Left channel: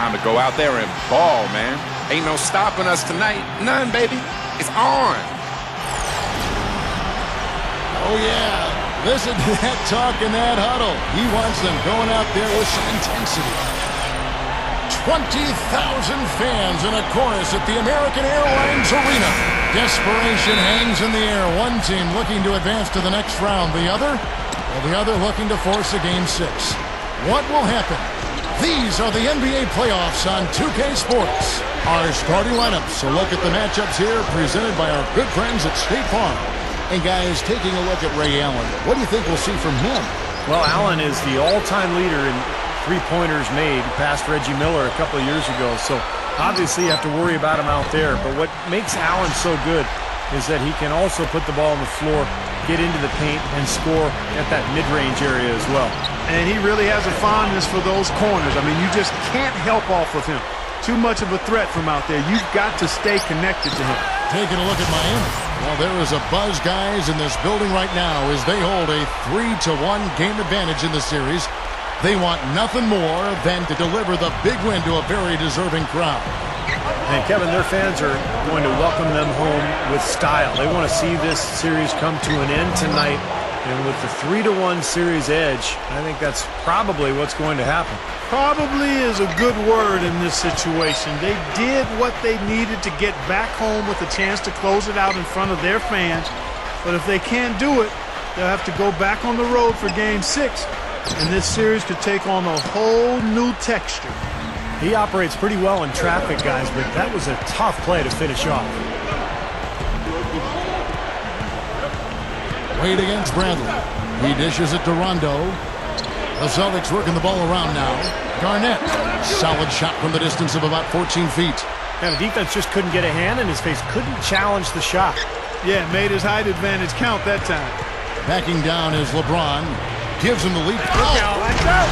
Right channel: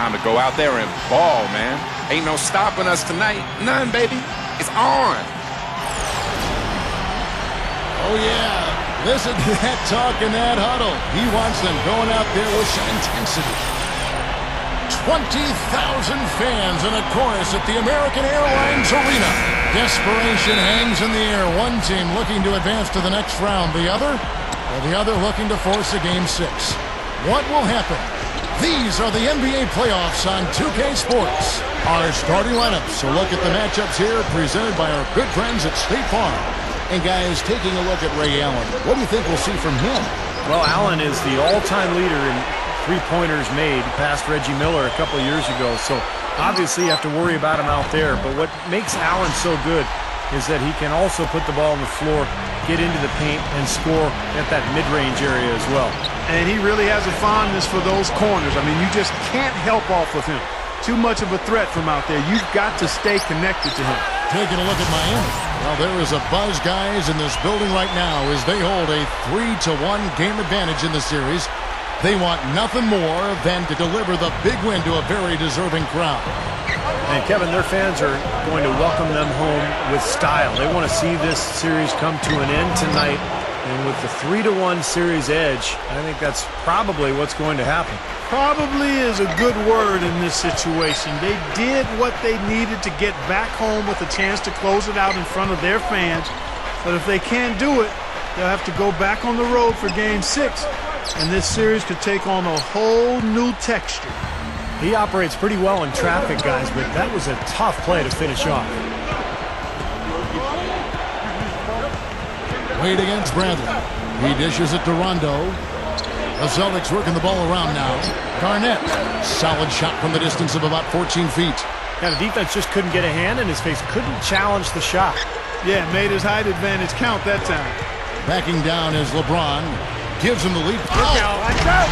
Time to go out there and ball, man. Ain't no stopping us tonight. None, baby. It's on. Oh, yeah. Listen to that talk in that huddle. He wants them going out there with some intensity. 20,000 fans in a chorus at the American Airlines Arena. Desperation hangs in the air. One team looking to advance to the next round. The other looking to force a Game 6. What will happen? These are the NBA playoffs on 2K Sports. Our starting lineups. A look at the matchups here presented by our good friends at State Farm. And guys, taking a look at Ray Allen, what do you think we'll see from him? Well, Allen is the all-time leader in three-pointers made, past Reggie Miller a couple of years ago. So obviously you have to worry about him out there. But what makes Allen so good is that he can also put the ball on the floor, get into the paint, and score at that mid-range area as well. And he really has a fondness for those corners. I mean, you just can't help off of him. Too much of a threat from out there. You've got to stay connected to him. Taking a look at Miami. Well, there is a buzz, guys, in this building right now as they hold a 3-1 game advantage in the series. They want nothing more than to deliver the big win to a very deserving crowd. And, Kevin, their fans are going to welcome them home with style. They want to see this series come to an end tonight. And with the 3-1 series edge, I think that's probably what's going to happen. Probably is a good word in this situation. They did what they needed to get back home with a chance to close it out in front of their fans. But if they can't do it, they'll have to go back on the road for Game 6. And this series could take on a whole new texture. He operates pretty well in traffic, guys, but that was a tough play to finish off. Wade against Bradley. He dishes it to Rondo. The Celtics working the ball around now. Garnett. Solid shot from the distance of about 14 feet. Yeah, the defense just couldn't get a hand in his face. Couldn't challenge the shot. Yeah, made his height advantage count that time. Backing down is LeBron. Gives him the lead. Look out. Watch out.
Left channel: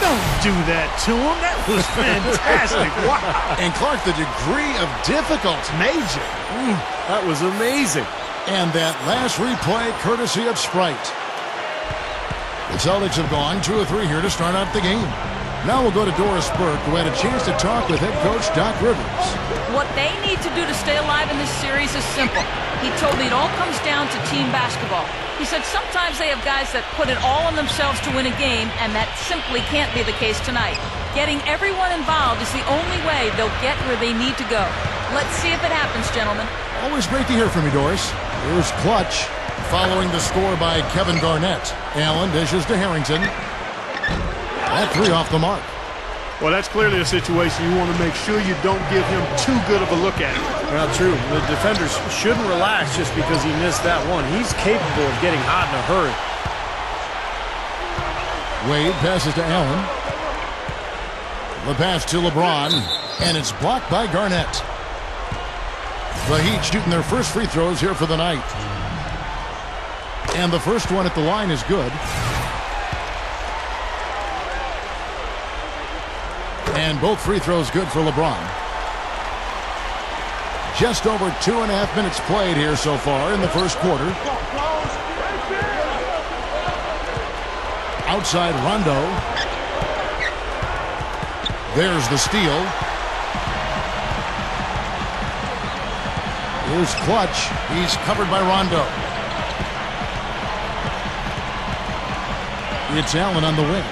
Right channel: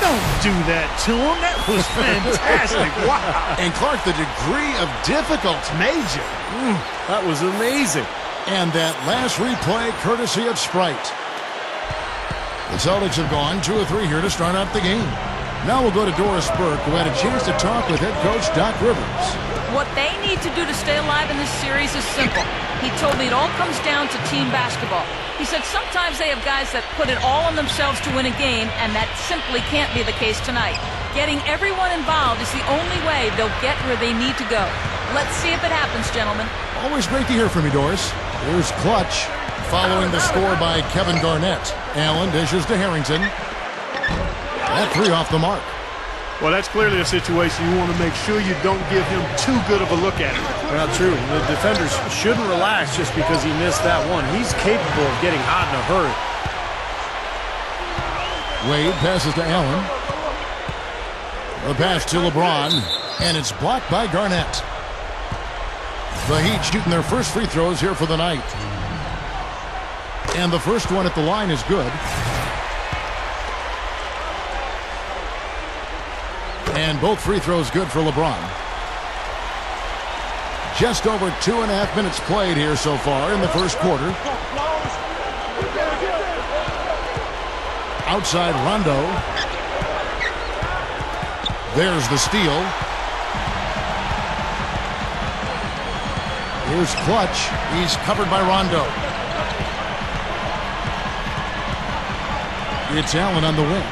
Don't do that to him. That was fantastic. Wow. And Clark, the degree of difficulty. Major. That was amazing. And that last replay courtesy of Sprite. The Celtics have gone 2 of 3 here to start out the game. Now we'll go to Doris Burke, who had a chance to talk with head coach Doc Rivers. What they need to do to stay alive in this series is simple. He told me it all comes down to team basketball. He said sometimes they have guys that put it all on themselves to win a game, and that simply can't be the case tonight. Getting everyone involved is the only way they'll get where they need to go. Let's see if it happens, gentlemen. Always great to hear from you, Doris. Here's Clutch, following the score by Kevin Garnett. Allen dishes to Harrington. That 3 off the mark. Well, that's clearly a situation you want to make sure you don't give him too good of a look at it. Not true. The defenders shouldn't relax just because he missed that one. He's capable of getting hot in a hurry. Wade passes to Allen. The pass to LeBron, and it's blocked by Garnett. The Heat shooting their first free throws here for the night. And the first one at the line is good. And both free throws good for LeBron. Just over 2.5 minutes played here so far in the first quarter. Outside Rondo. There's the steal. Here's Clutch. He's covered by Rondo. It's Allen on the wing.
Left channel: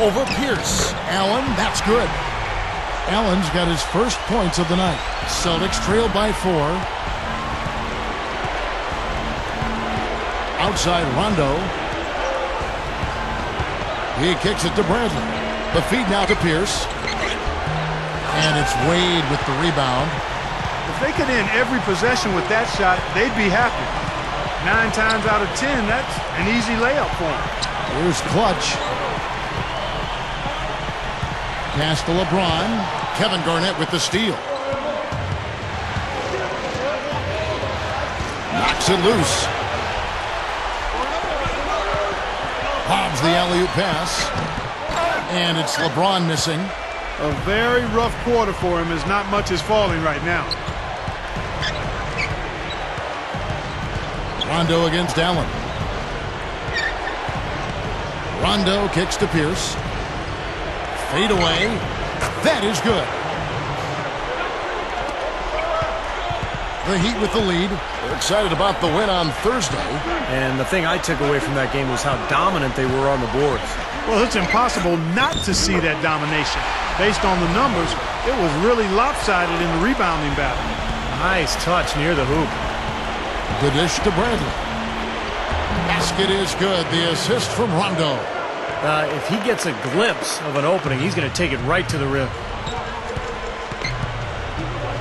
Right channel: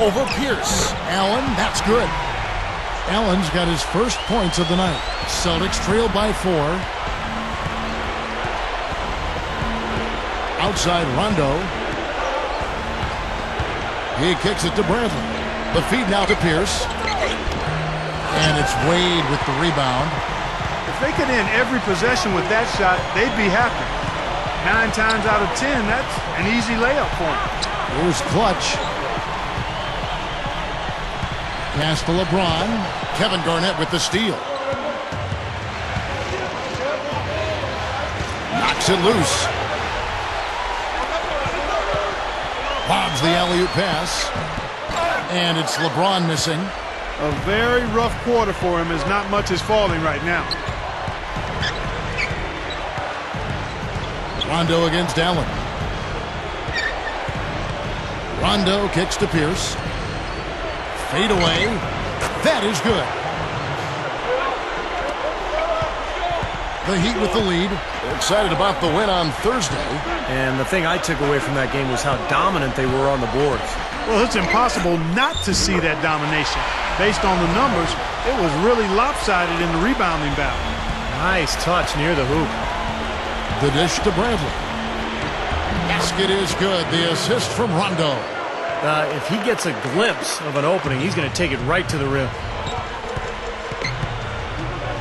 Over Pierce. Allen, that's good. Allen's got his first points of the night. Celtics trail by 4. Outside Rondo. He kicks it to Bradley. The feed now to Pierce. And it's Wade with the rebound. If they could end every possession with that shot, they'd be happy. 9 times out of 10, that's an easy layup for them. Here's Clutch. Pass to LeBron. Kevin Garnett with the steal. Knocks it loose. Bobs the alley-oop pass. And it's LeBron missing. A very rough quarter for him as not much is falling right now. Rondo against Allen. Rondo kicks to Pierce. Fade away. That is good. The Heat with the lead. They're excited about the win on Thursday. And the thing I took away from that game was how dominant they were on the boards. Well, it's impossible not to see that domination. Based on the numbers, it was really lopsided in the rebounding battle. Nice touch near the hoop. The dish to Bradley. Basket is good. The assist from Rondo. If he gets a glimpse of an opening, he's going to take it right to the rim.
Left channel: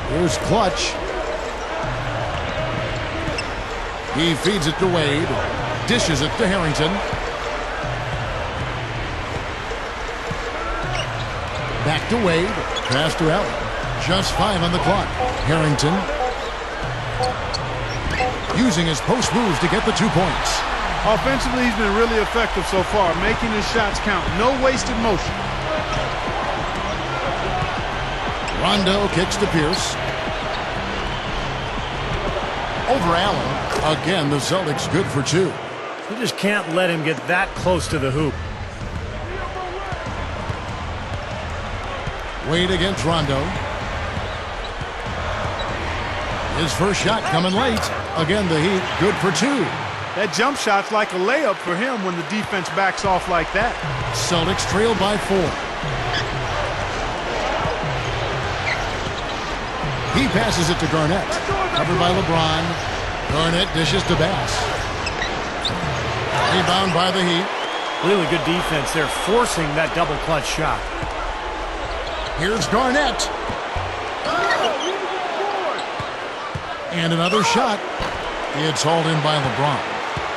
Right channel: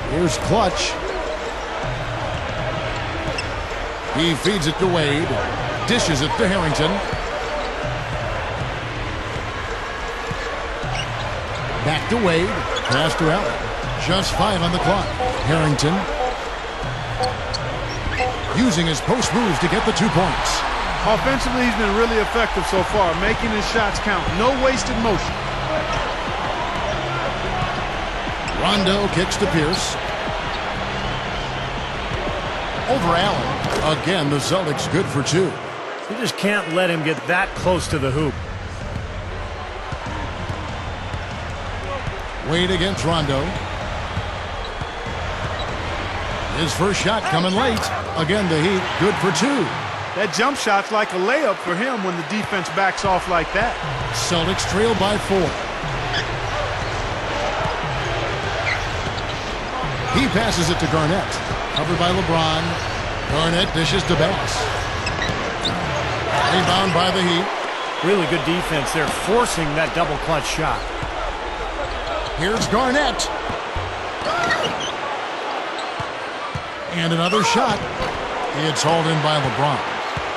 Here's Clutch. He feeds it to Wade. Dishes it to Harrington. Back to Wade. Pass to Allen. Just 5 on the clock. Harrington using his post moves to get the 2 points. Offensively, he's been really effective so far, making his shots count. No wasted motion. Rondo kicks to Pierce. Over Allen. Again, the Celtics good for 2. You just can't let him get that close to the hoop. Wade against Rondo. His first shot coming late. Again, the Heat good for 2. That jump shot's like a layup for him when the defense backs off like that. Celtics trail by 4. He passes it to Garnett. Covered by LeBron. Garnett dishes to Bass. Rebound by the Heat. Really good defense. They're forcing that double clutch shot. Here's Garnett. And another shot. It's hauled in by LeBron.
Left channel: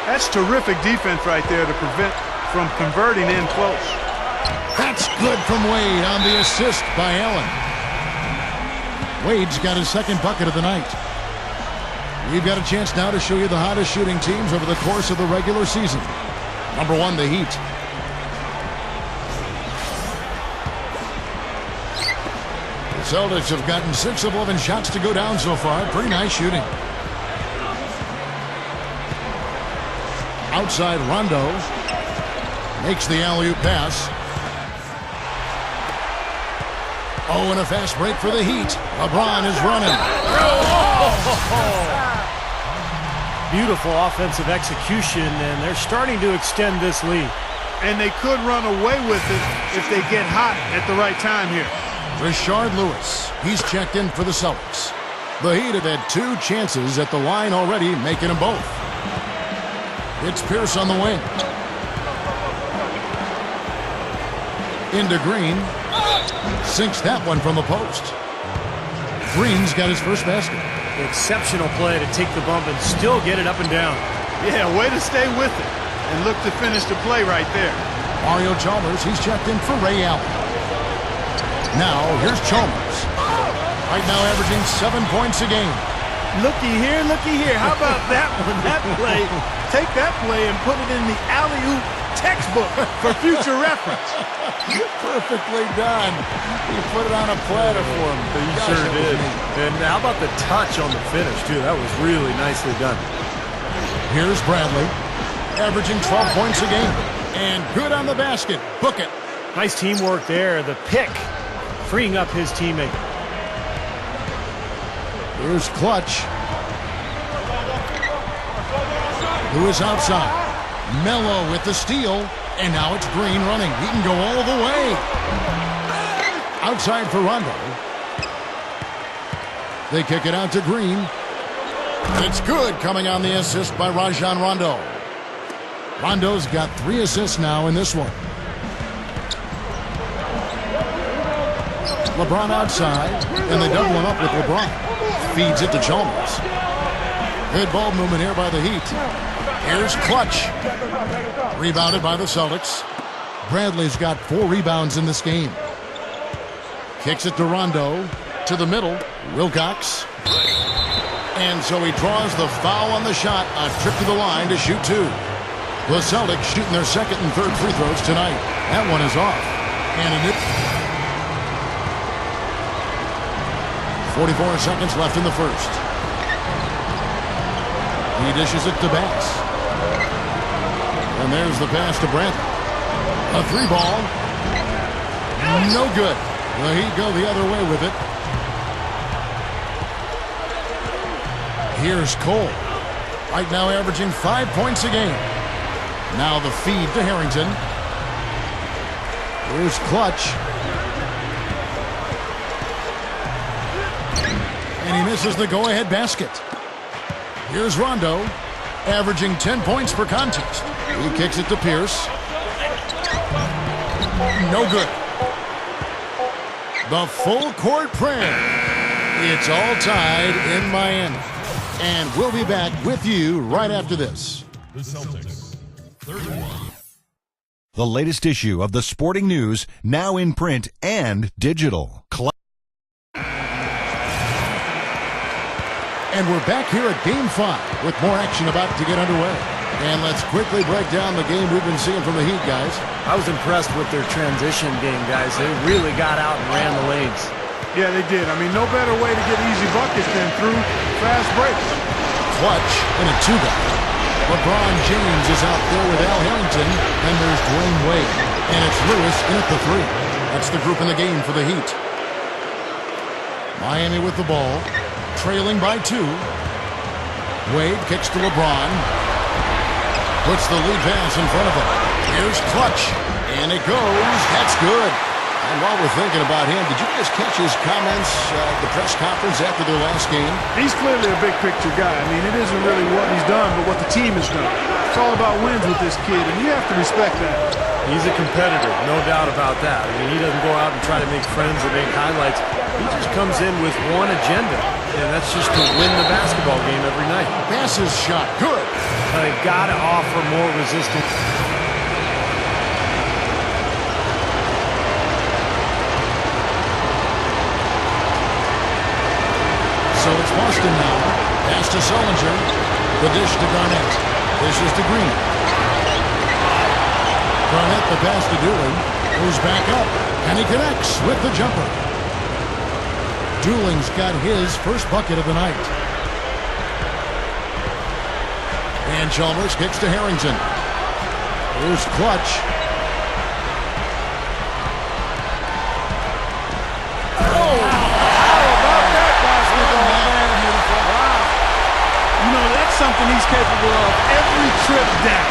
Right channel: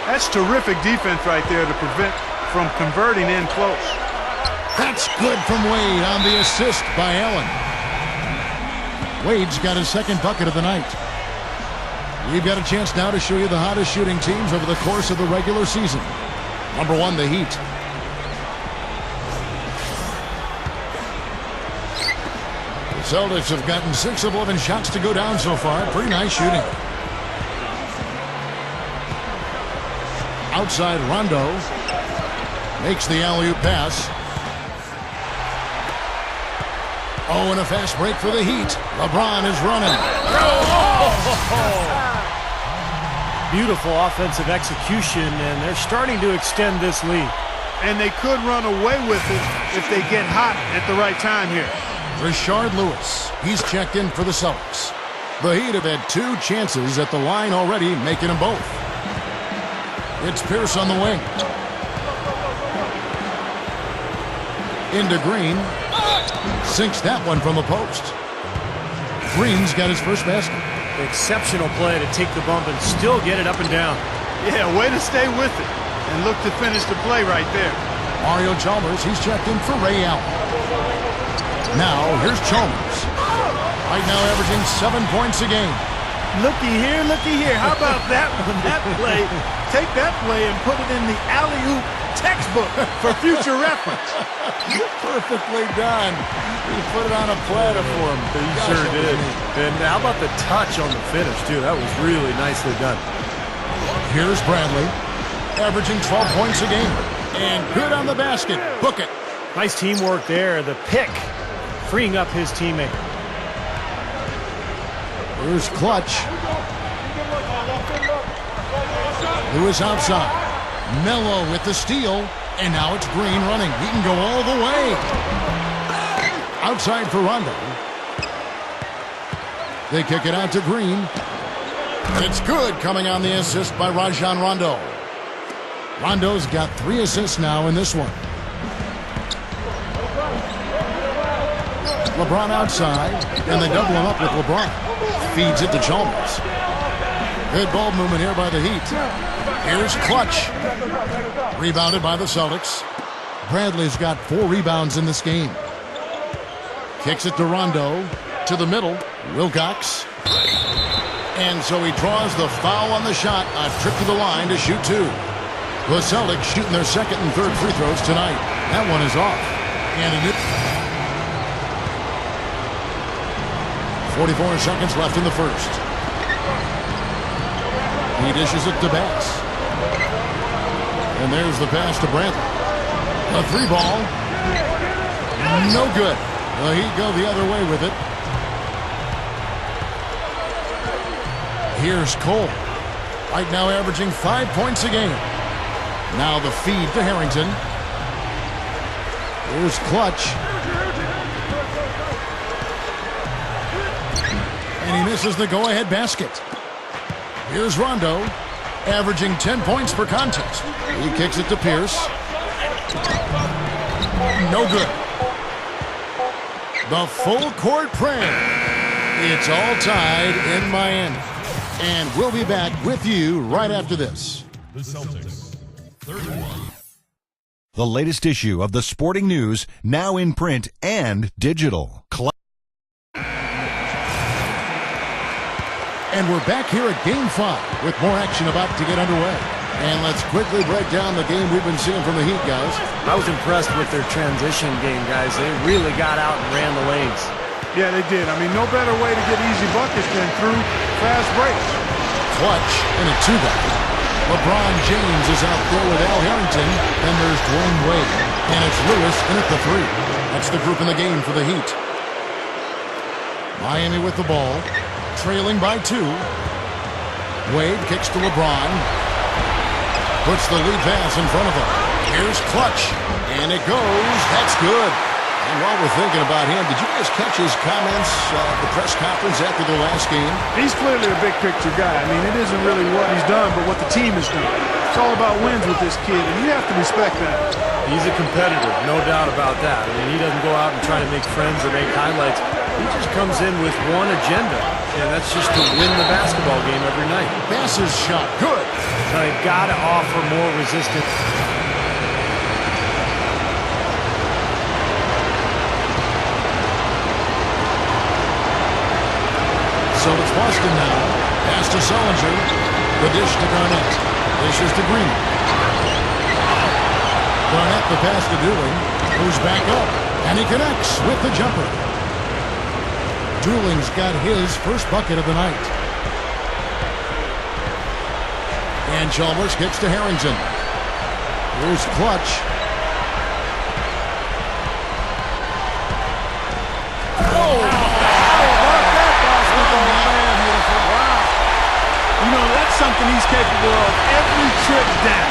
That's terrific defense right there to prevent from converting in close. That's good from Wade on the assist by Allen. Wade's got his second bucket of the night. We've got a chance now to show you the hottest shooting teams over the course of the regular season. Number 1, the Heat. The Celtics have gotten 6 of 11 shots to go down so far. Pretty nice shooting. Outside, Rondo makes the alley-oop pass. Oh, and a fast break for the Heat. LeBron is running. Beautiful offensive execution, and they're starting to extend this lead. And they could run away with it if they get hot at the right time here. Rashard Lewis. He's checked in for the Celtics. The Heat have had 2 chances at the line already, making them both. It's Pierce on the wing. Into Green. Sinks that one from the post. Green's got his first basket. Exceptional play to take the bump and still get it up and down. Yeah, way to stay with it and look to finish the play right there. Mario Chalmers, he's checked in for Ray Allen. Now, here's Chalmers. Right now averaging 7 points a game. Looky here, looky here. How about that one? That play. Take that play and put it in the alley-oop textbook for future reference. Perfectly done. He put it on a platter for him. He sure did. And how about the touch on the finish, too? That was really nicely done. Here's Bradley, averaging 12 points a game. And good on the basket. Book it. Nice teamwork there. The pick, freeing up his teammate. Here's Clutch. Lewis outside. Mello with the steal. And now it's Green running. He can go all the way. Outside for Rondo. They kick it out to Green. And it's good, coming on the assist by Rajon Rondo. Rondo's got 3 assists now in this one. LeBron outside, and they double him up with LeBron. Feeds it to Chalmers. Good ball movement here by the Heat. Here's Clutch. Rebounded by the Celtics. Bradley's got 4 rebounds in this game. Kicks it to Rondo. To the middle. Wilcox. And so he draws the foul on the shot. A trip to the line to shoot 2. The Celtics shooting their second and third free throws tonight. That one is off. And it is 44 seconds left in the first. He dishes it to Bass. And there's the pass to Bradley. A 3 ball. No good. The Heat go the other way with it. Here's Cole. Right now averaging 5 points a game. Now the feed to Harrington. Here's Clutch. And he misses the go-ahead basket. Here's Rondo, averaging 10 points per contest. He kicks it to Pierce. No good. The full court prayer. It's all tied in Miami. And we'll be back with you right after this. The Celtics, 31. The latest issue of the Sporting News, now in print and digital. And we're back here at Game 5 with more action about to get underway. And let's quickly break down the game we've been seeing from the Heat, guys. I was impressed with their transition game, guys. They really got out and ran the lanes. Yeah, they did. I mean, no better way to get easy buckets than through fast breaks. Clutch in a two-guy. LeBron James is out there with Al Harrington. Then there's Dwayne Wade. And it's Lewis in at the three. That's the group in the game for the Heat. Miami with the ball. Trailing by 2. Wade kicks to LeBron. Puts the lead pass in front of him. Here's Clutch. And it goes. That's good. And while we're thinking about him, did you guys catch his comments at the press conference after their last game? He's clearly a big-picture guy. I mean, it isn't really what he's done, but what the team has done. It's all about wins with this kid, and you have to respect that. He's a competitor, no doubt about that. I mean, he doesn't go out and try to make friends or make highlights. He just comes in with one agenda, and that's just to win the basketball game every night. Bass's shot, good. They've got to offer more resistance. So it's Boston now. Pass to Sullinger. The dish to Garnett. Dishes to Green. Garnett the pass to Dooling. Moves back up. And he connects with the jumper. Dooling's got his first bucket of the night. And Chalmers kicks to Harrington. Here's Clutch. You know, that's something he's capable of every trip down.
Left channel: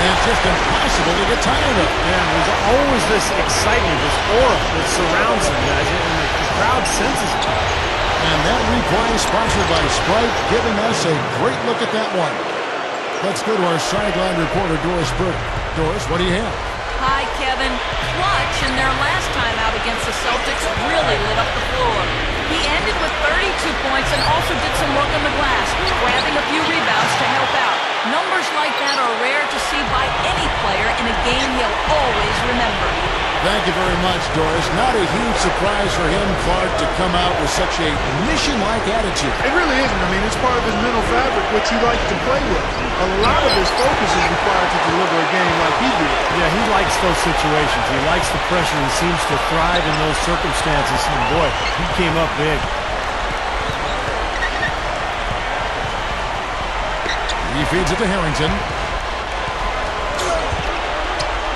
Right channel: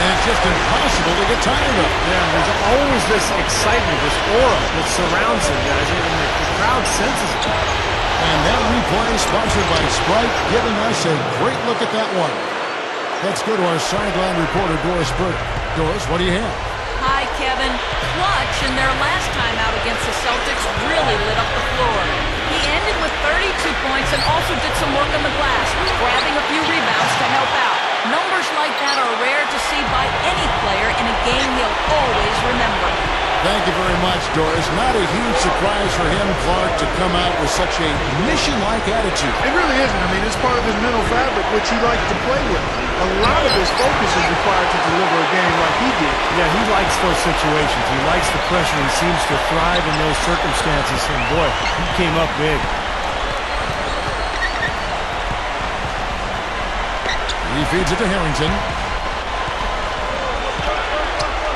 And it's just impossible to get tired of. Yeah, there's always this excitement, this aura that surrounds him, guys, and the crowd senses it. And that replay sponsored by Sprite, giving us a great look at that one. Let's go to our sideline reporter, Doris Burdick. Doris, what do you have? Hi, Kevin. Clutch, in their last time out against the Celtics, really lit up the floor. He ended with 32 points and also did some work on the glass, grabbing a few rebounds to help out. Numbers like that are rare to see by any player in a game he'll always remember. Thank you very much, Doris. Not a huge surprise for him, Clark, to come out with such a mission-like attitude. It really isn't. I mean, it's part of his mental fabric, which he likes to play with. A lot of his focus is required to deliver a game like he did. Yeah, he likes those situations. He likes the pressure. He seems to thrive in those circumstances. And boy, he came up big. He feeds it to Harrington.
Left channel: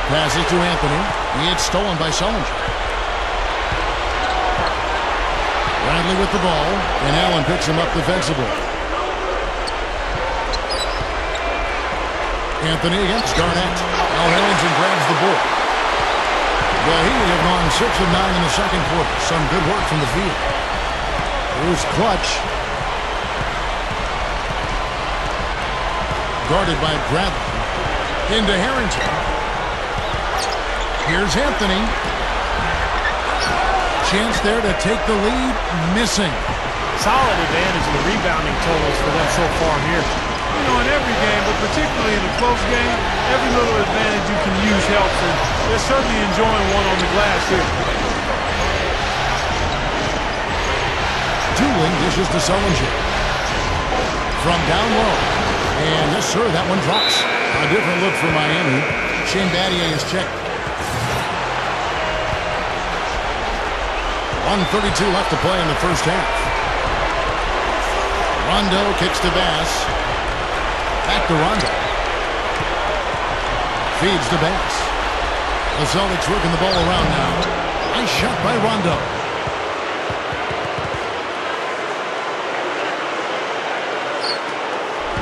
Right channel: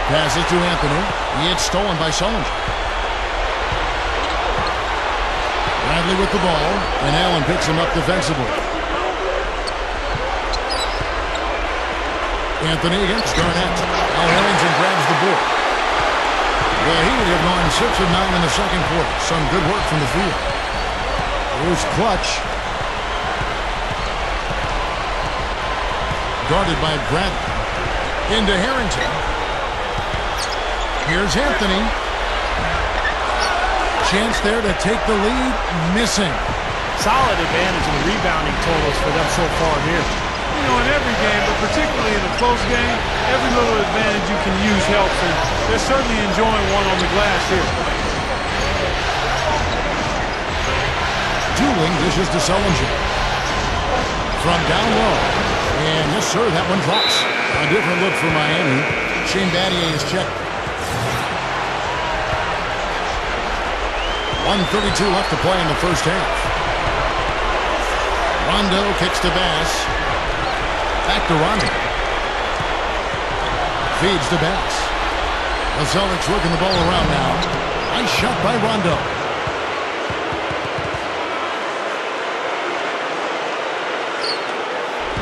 Passes to Anthony. It's stolen by Sullinger. Bradley with the ball, and Allen picks him up defensively. Anthony against Garnett. Al Harrington grabs the board. The Heat have gone 6 of 9 in the second quarter. Some good work from the field. Here's Clutch. Guarded by Bradley. Into Harrington. Here's Anthony. Chance there to take the lead. Missing. Solid advantage in the rebounding totals for them so far here. You know, in every game, but particularly in a close game, every little advantage you can use helps, and they're certainly enjoying one on the glass here. Dooling dishes to Sullinger. From down low. And yes, sir, that one drops. A different look for Miami. Shane Battier is checked. 1:32 left to play in the first half. Rondo kicks to Bass. Back to Rondo. Feeds to Bass. The Celtics working the ball around now. Nice shot by Rondo.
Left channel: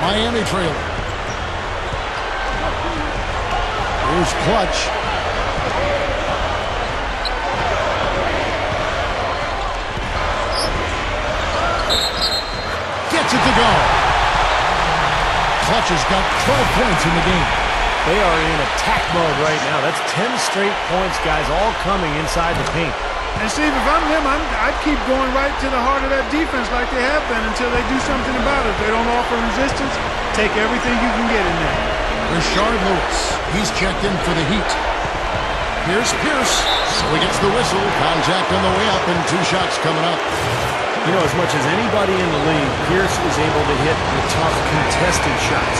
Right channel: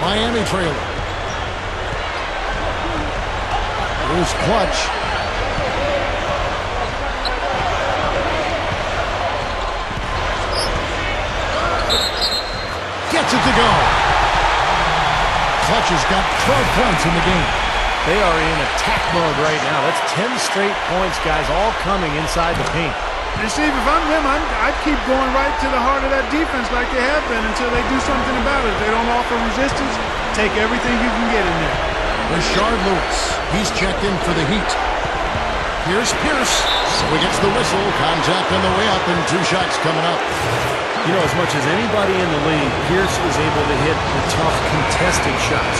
Miami trailing. Here's Clutch. Gets it to go. Clutch has got 12 points in the game. They are in attack mode right now. That's 10 straight points, guys, all coming inside the paint. And Steve, if I'm them, I'd keep going right to the heart of that defense like they have been until they do something about it. If they don't offer resistance, take everything you can get in there. Rashard Lewis, he's checked in for the Heat. Here's Pierce, so he gets the whistle. Contact on the way up and 2 shots coming up. You know, as much as anybody in the league, Pierce is able to hit the tough contested shots.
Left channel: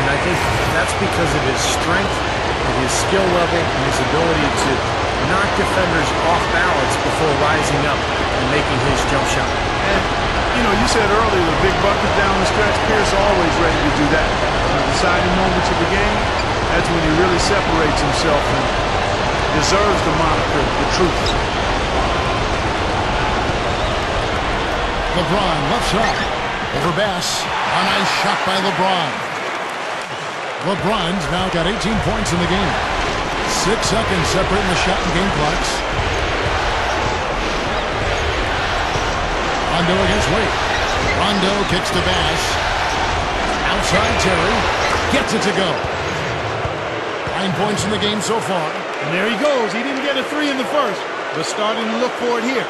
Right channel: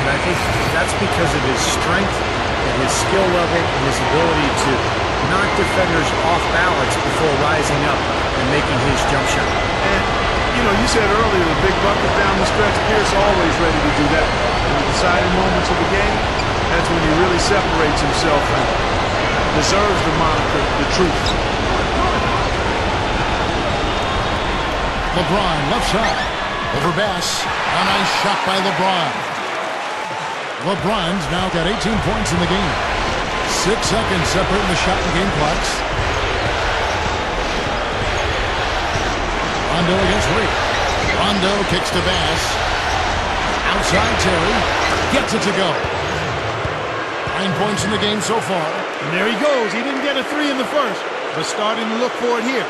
And I think that's because of his strength and his skill level and his ability to knock defenders off balance before rising up and making his jump shot. And, you know, you said earlier the big buckets down the stretch, Pierce always ready to do that. In the deciding moments of the game, that's when he really separates himself and deserves the moniker, the truth. LeBron left side. Over Bass. A nice shot by LeBron. LeBron's now got 18 points in the game. 6 seconds separating the shot and game clocks. Rondo against Wade. Rondo kicks to Bass. Outside Terry. Gets it to go. 9 points in the game so far. And there he goes. He didn't get a 3 in the first, but starting to look for it here.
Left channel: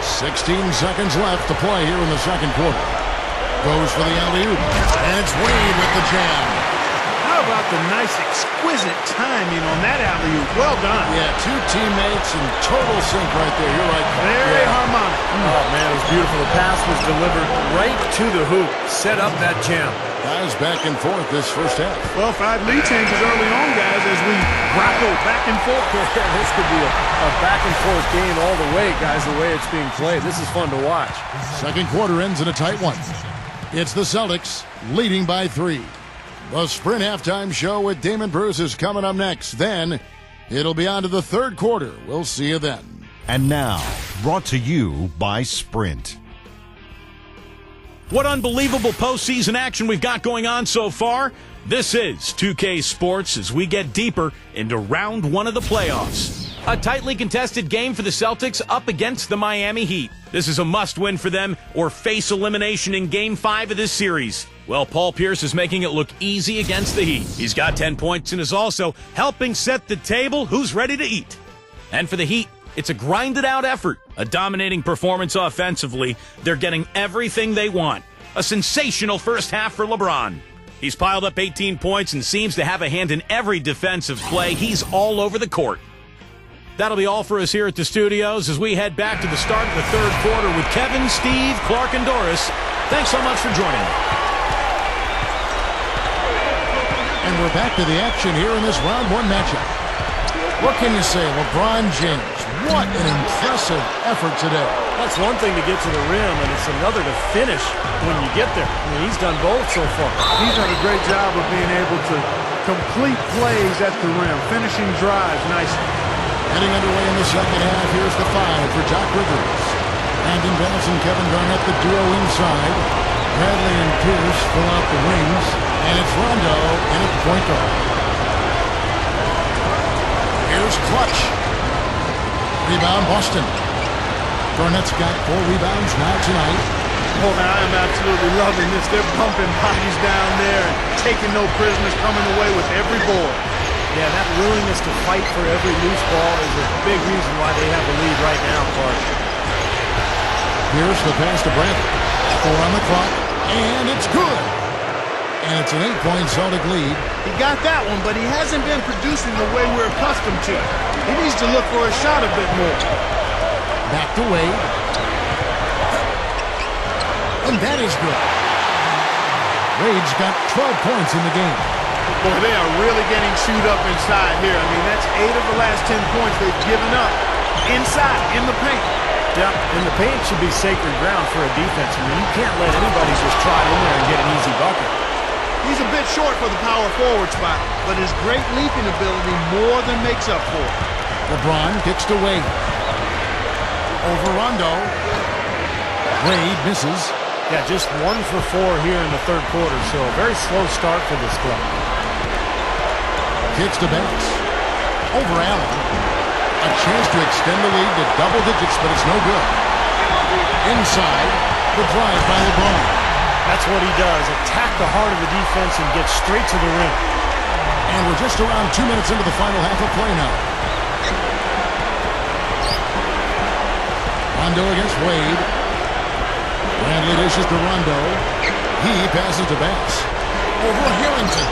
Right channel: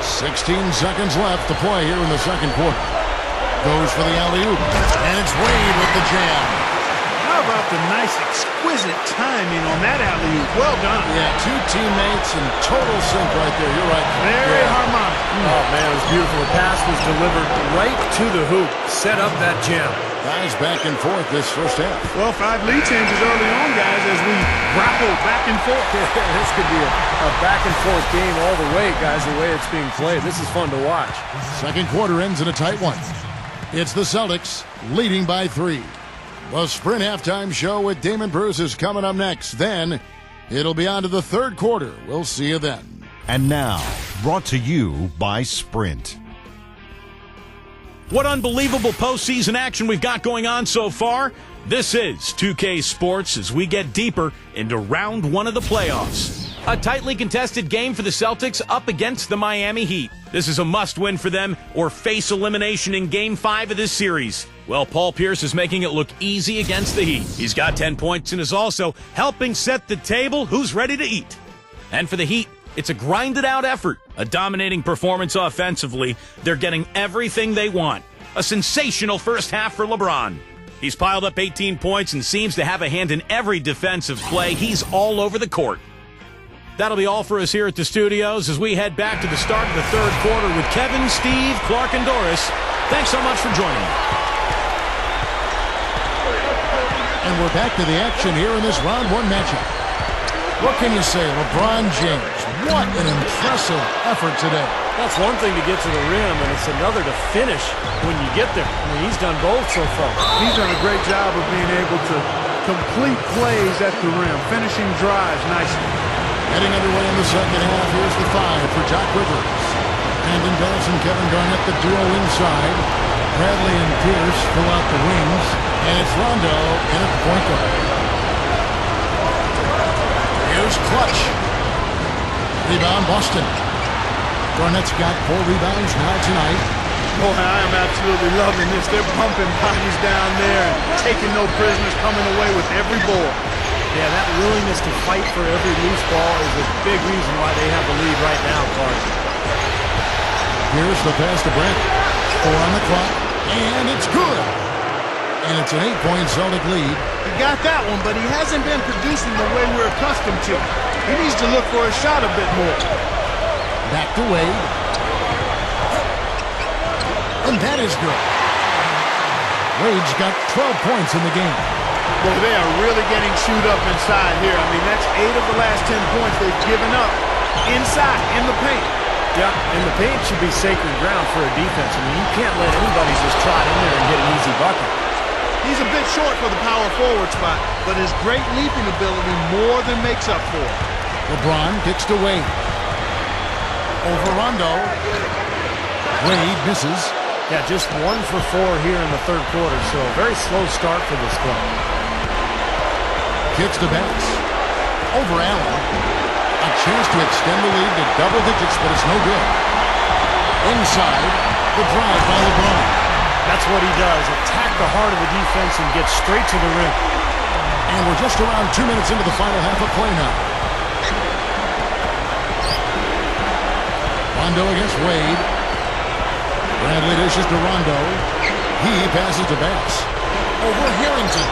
16 seconds left to play here in the second quarter. Goes for the alley-oop. And it's Wade with the jam. How about the nice, exquisite timing on that alley-oop? Well done. Yeah, 2 teammates in total sync right there. You're right, Clark. Very harmonic. Oh, man, it was beautiful. The pass was delivered right to the hoop. Set up that jam. Guys back and forth this first half. Well, 5 lead changes early on, guys, as we grapple back and forth. This could be a back-and-forth game all the way, guys, the way it's being played. This is fun to watch. Second quarter ends in a tight one. It's the Celtics leading by 3. The Sprint Halftime Show with Damon Bruce is coming up next. Then it'll be on to the third quarter. We'll see you then. And now, brought to you by Sprint. What unbelievable postseason action we've got going on so far. This is 2K Sports as we get deeper into round 1 of the playoffs. A tightly contested game for the Celtics up against the Miami Heat. This is a must-win for them or face elimination in Game 5 of this series. Well, Paul Pierce is making it look easy against the Heat. He's got 10 points and is also helping set the table who's ready to eat. And for the Heat, it's a grinded-out effort, a dominating performance offensively. They're getting everything they want. A sensational first half for LeBron. He's piled up 18 points and seems to have a hand in every defensive play. He's all over the court. That'll be all for us here at the studios as we head back to the start of the third quarter with Kevin, Steve, Clark, and Doris. Thanks so much for joining me. And we're back to the action here in this round 1 matchup. What can you say, LeBron James? What an impressive effort today. That's one thing to get to the rim, and it's another to finish when you get there. I mean, he's done both so far. He's done a great job of being able to complete plays at the rim, finishing drives nicely. Getting underway in the second half, here's the 5 for Doc Rivers. Brandon Bass and Kevin Garnett, the duo inside. Bradley and Pierce fill out the wings. And it's Rondo in at the point guard. Here's Clutch. Rebound, Boston. Garnett's got 4 rebounds now tonight. Boy, I am absolutely loving this. They're bumping bodies down there and taking no prisoners, coming away with every board. Yeah, that willingness to fight for every loose ball is a big reason why they have the lead right now, Clark. Here's the pass to Bradley. 4 on the clock, and it's good. And it's an 8-point Celtic lead. He got that one, but he hasn't been producing the way we're accustomed to. He needs to look for a shot a bit more. Back to Wade. And that is good. Wade's got 12 points in the game. Boy, they are really getting chewed up inside here. I mean, that's 8 of the last 10 points they've given up inside, in the paint. Yeah, and the paint should be sacred ground for a defense. I mean, you can't let anybody just trot in there and get an easy bucket. He's a bit short for the power forward spot, but his great leaping ability more than makes up for it. LeBron kicks to Wade. Over Rondo. Wade misses. Yeah, just 1 for 4 here in the third quarter, so a very slow start for this club. Kicks to Bass. Over Allen. A chance to extend the lead to double digits, but it's no good. Inside, the drive by LeBron. That's what he does, attack the heart of the defense and get straight to the rim. And we're just around 2 minutes into the final half of play now. Rondo against Wade. Bradley dishes to Rondo. He passes to Bass. Over Harrington.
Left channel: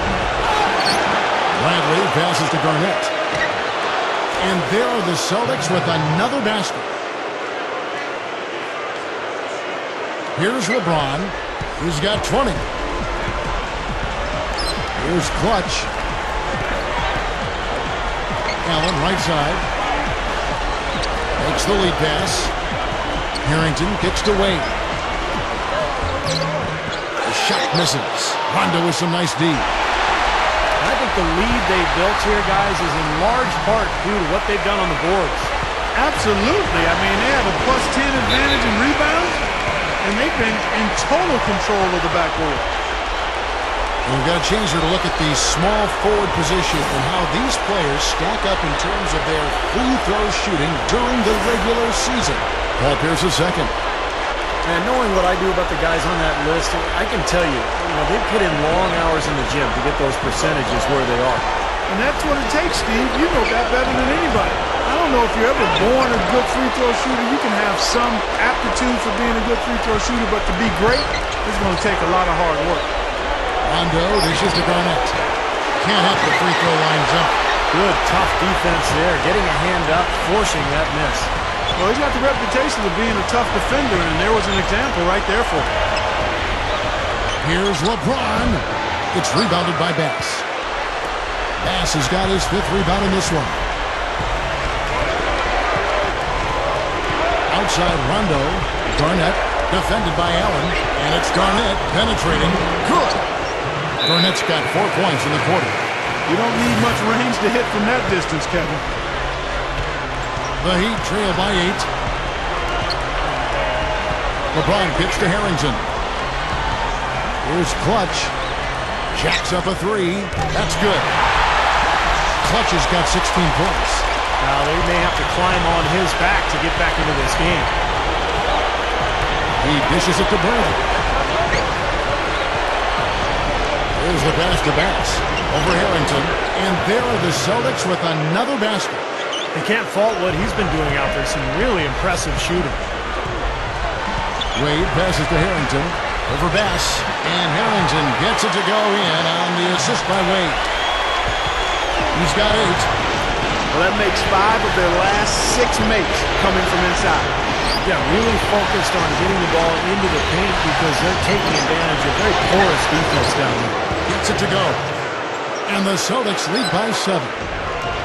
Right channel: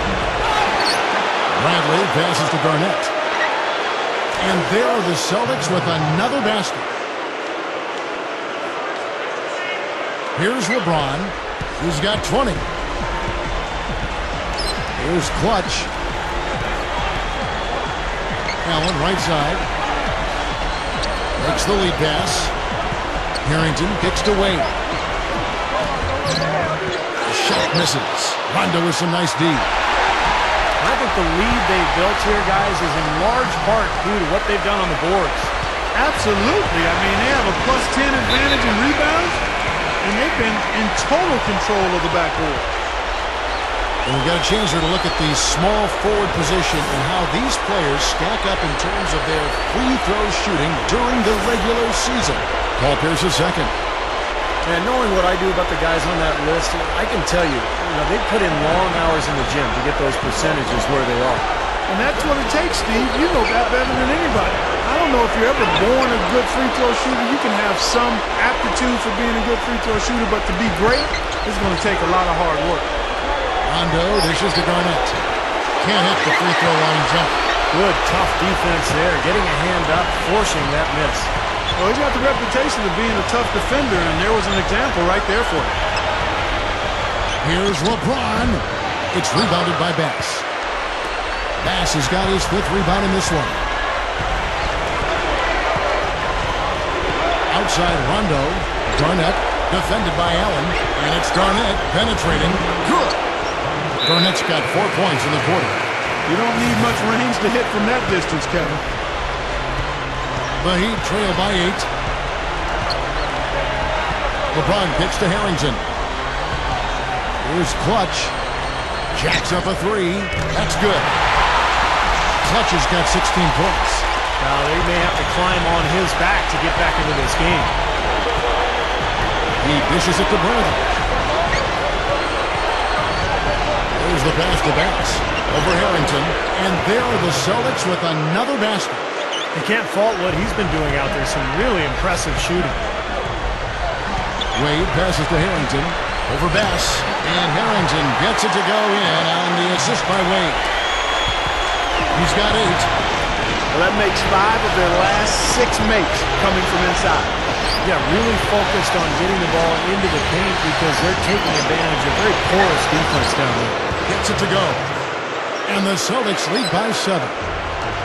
Bradley passes to Garnett. And there are the Celtics with another basket. Here's LeBron. He's got 20. Here's Clutch. Allen right side. Makes the lead pass. Harrington kicks to Wade. The shot misses. Rondo with some nice D. I think the lead they've built here, guys, is in large part due to what they've done on the boards. Absolutely. I mean, they have a +10 advantage in rebounds, and they've been in total control of the backboard. And we've got a chance here to look at the small forward position and how these players stack up in terms of their free throw shooting during the regular season. Paul Pierce is second. And knowing what I do about the guys on that list, I can tell you, they've put in long hours in the gym to get those percentages where they are. And that's what it takes, Steve. You know that better than anybody. I don't know if you're ever born a good free throw shooter. You can have some aptitude for being a good free throw shooter, but to be great, it's going to take a lot of hard work. Rondo dishes to Garnett. Can't hit the free throw line jump. Good, tough defense there. Getting a hand up, forcing that miss. Well, he's got the reputation of being a tough defender, and there was an example right there for you. Here's LeBron. It's rebounded by Bass. Bass has got his 5th rebound in this one. Outside Rondo. Garnett defended by Allen, and it's Garnett penetrating. Good. Garnett's got 4 points in the quarter. You don't need much range to hit from that distance, Kevin. The Heat trail by 8. LeBron kicks to Harrington. Here's Clutch. Jacks up a 3. That's good. Clutch has got 16 points. Now they may have to climb on his back to get back into this game. He dishes it to Bradley. There's the pass to Bass. Over Harrington. And there are the Celtics with another basket. They can't fault what he's been doing out there. Some really impressive shooting. Wade passes to Harrington. Over Bass. And Harrington gets it to go in on the assist by Wade. He's got 8. Well, that makes 5 of their last 6 makes coming from inside. Yeah, really focused on getting the ball into the paint because they're taking advantage of very porous defense down there. Gets it to go. And the Celtics lead by 7.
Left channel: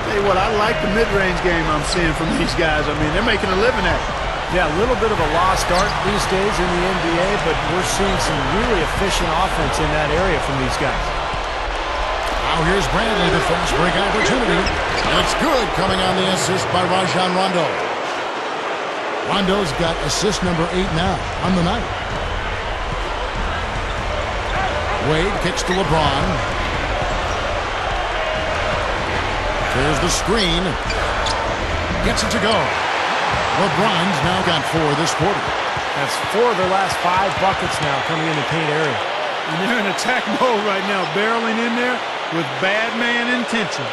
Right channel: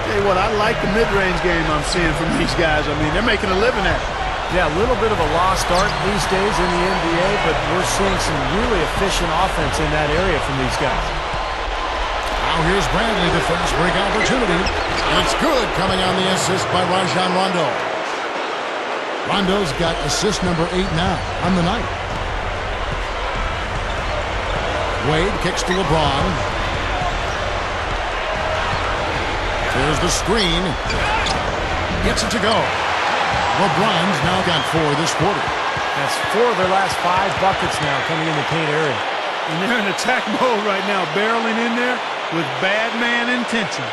Tell you what, I like the mid-range game I'm seeing from these guys. I mean, they're making a living at it. Yeah, a little bit of a lost art these days in the NBA, but we're seeing some really efficient offense in that area from these guys. Now here's Bradley, the fast break opportunity. And it's good, coming on the assist by Rajon Rondo. Rondo's got assist number 8 now on the night. Wade kicks to LeBron. There's the screen. Gets it to go. LeBron's now got 4 this quarter. That's 4 of their last 5 buckets now coming in the paint area. And they're in attack mode right now, barreling in there with bad man intentions.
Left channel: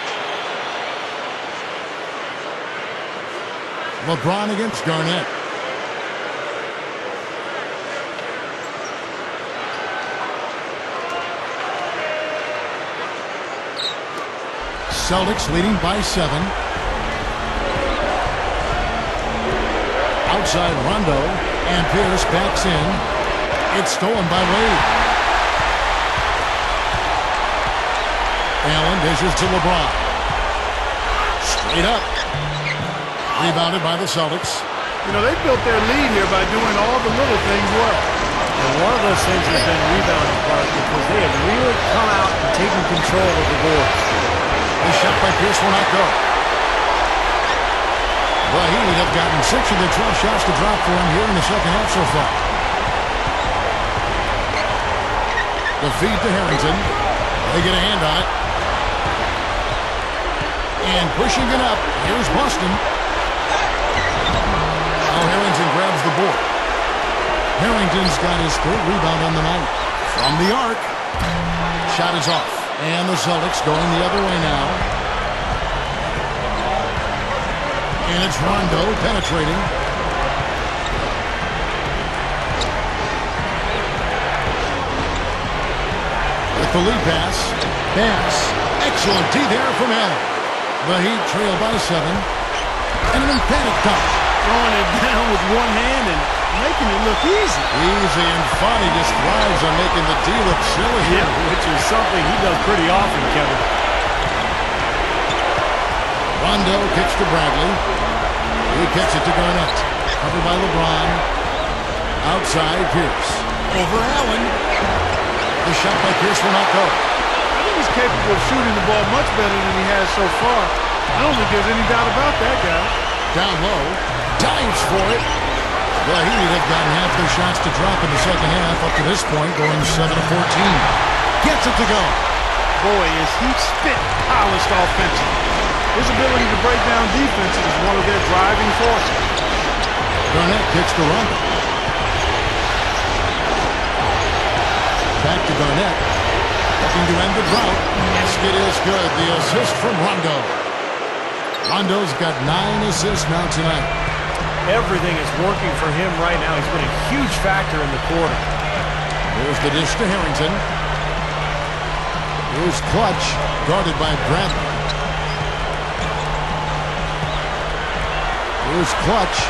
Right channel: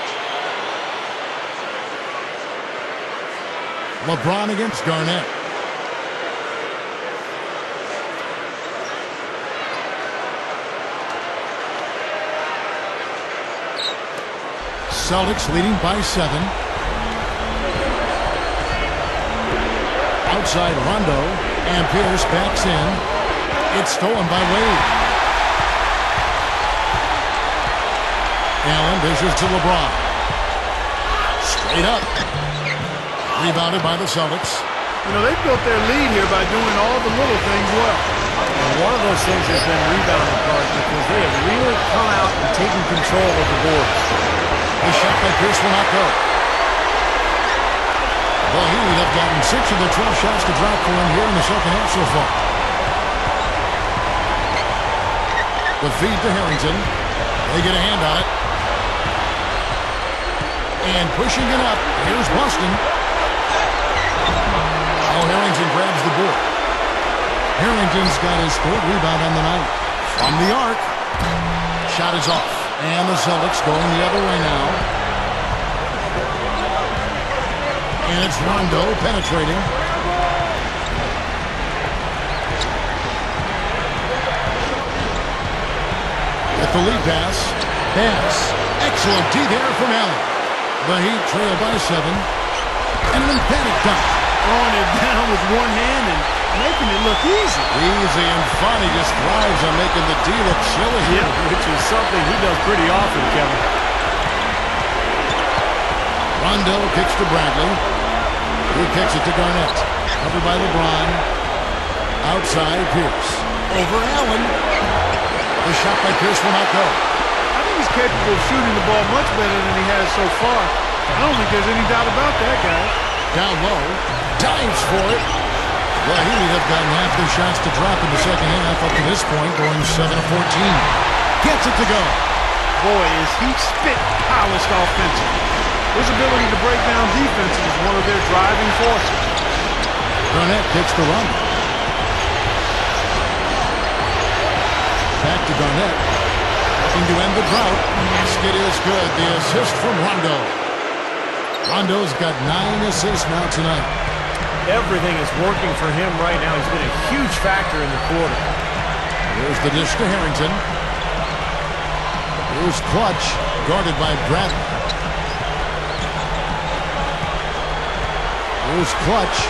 LeBron against Garnett. Celtics leading by 7. Outside Rondo, and Pierce backs in. It's stolen by Wade. Allen dishes to LeBron. Straight up. Rebounded by the Celtics. You know, they've built their lead here by doing all the little things well. And one of those things has been rebounding part because they have really come out and taken control of the boards. The shot by Pierce will not go. The Heat have gotten 6 of their 12 shots to drop for him here in the second half so far. The feed to Harrington. They get a hand on it. And pushing it up, here's Boston. Now Harrington grabs the board. Harrington's got his 3rd rebound on the night. From the arc. Shot is off. And the Celtics going the other way now. And it's Rondo penetrating. With the lead pass. Pass. Excellent D there from Allen. The Heat trail by 7. And an emphatic dunk. Throwing it down with one hand and making it look easy. Easy, and Fonny just thrives on making the D look silly. Yeah, which is something he does pretty often, Kevin. Rondo kicks to Bradley. He kicks it to Garnett. Covered by LeBron. Outside, Pierce. Over Allen. The shot by Pierce will not go. I think he's capable of shooting the ball much better than he has so far. I don't think there's any doubt about that, guys. Down low. Dives for it. The Heat have gotten half their shots to drop in the second half up to this point, going 7 of 14. Gets it to go. Boy, is he spit polished offensively. His ability to break down defenses is one of their driving forces. Garnett kicks to Rondo. Back to Garnett. Looking to end the drought. Basket is good. The assist from Rondo. Rondo's got 9 assists now tonight. Everything is working for him right now. He's been a huge factor in the quarter. There's the dish to Harrington. Here's Clutch, guarded by Bradley. Here's Clutch.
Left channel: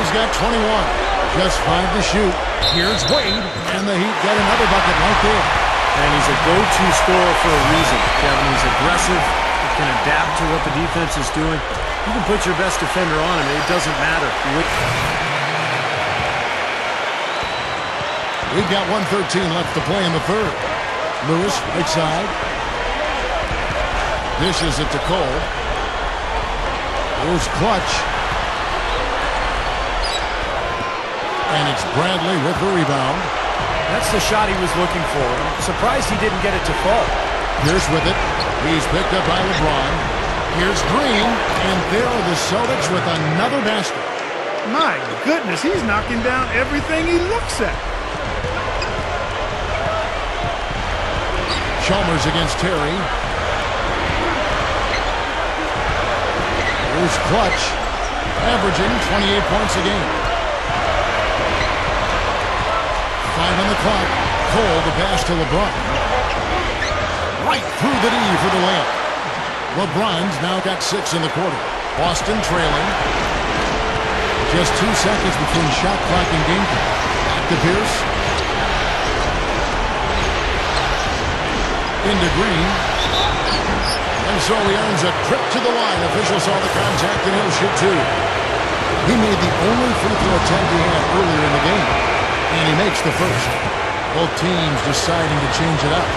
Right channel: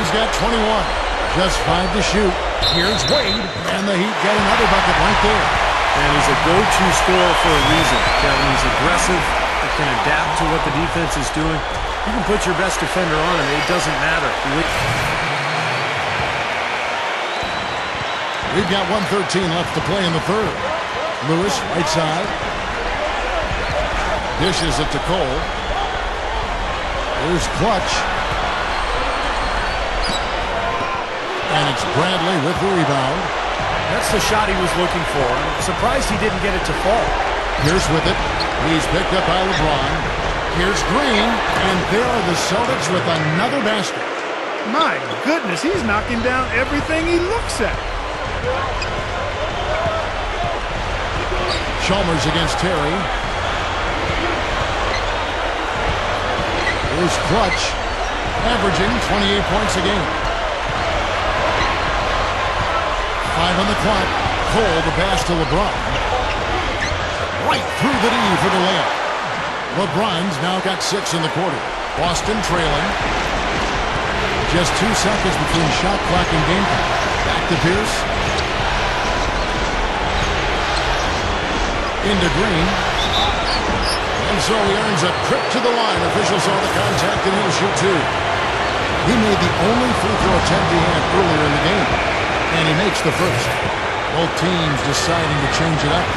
He's got 21. Just 5 to shoot. Here's Wade, and the Heat get another bucket right there. And he's a go-to scorer for a reason, Kevin. He's aggressive. He can adapt to what the defense is doing. You can put your best defender on him. It doesn't matter. We've got 1:13 left to play in the third. Lewis, right side. Dishes it to Cole. Here's Clutch. And it's Bradley with the rebound. That's the shot he was looking for. I'm surprised he didn't get it to fall. Pierce with it. He's picked up by LeBron. Here's Green. And there are the Celtics with another basket. My goodness, he's knocking down everything he looks at. Chalmers against Terry. Here's Clutch. Averaging 28 points a game. 5 on the clock. Cole, the pass to LeBron. Right through the D for the layup. LeBron's now got 6 in the quarter. Boston trailing. Just 2 seconds between shot clock and game clock. Back to Pierce. Into Green. And so he earns a trip to the line. Officials saw the contact and he'll shoot 2. He made the only free throw attempt he had earlier in the game. And he makes the first. Both teams deciding to change it up.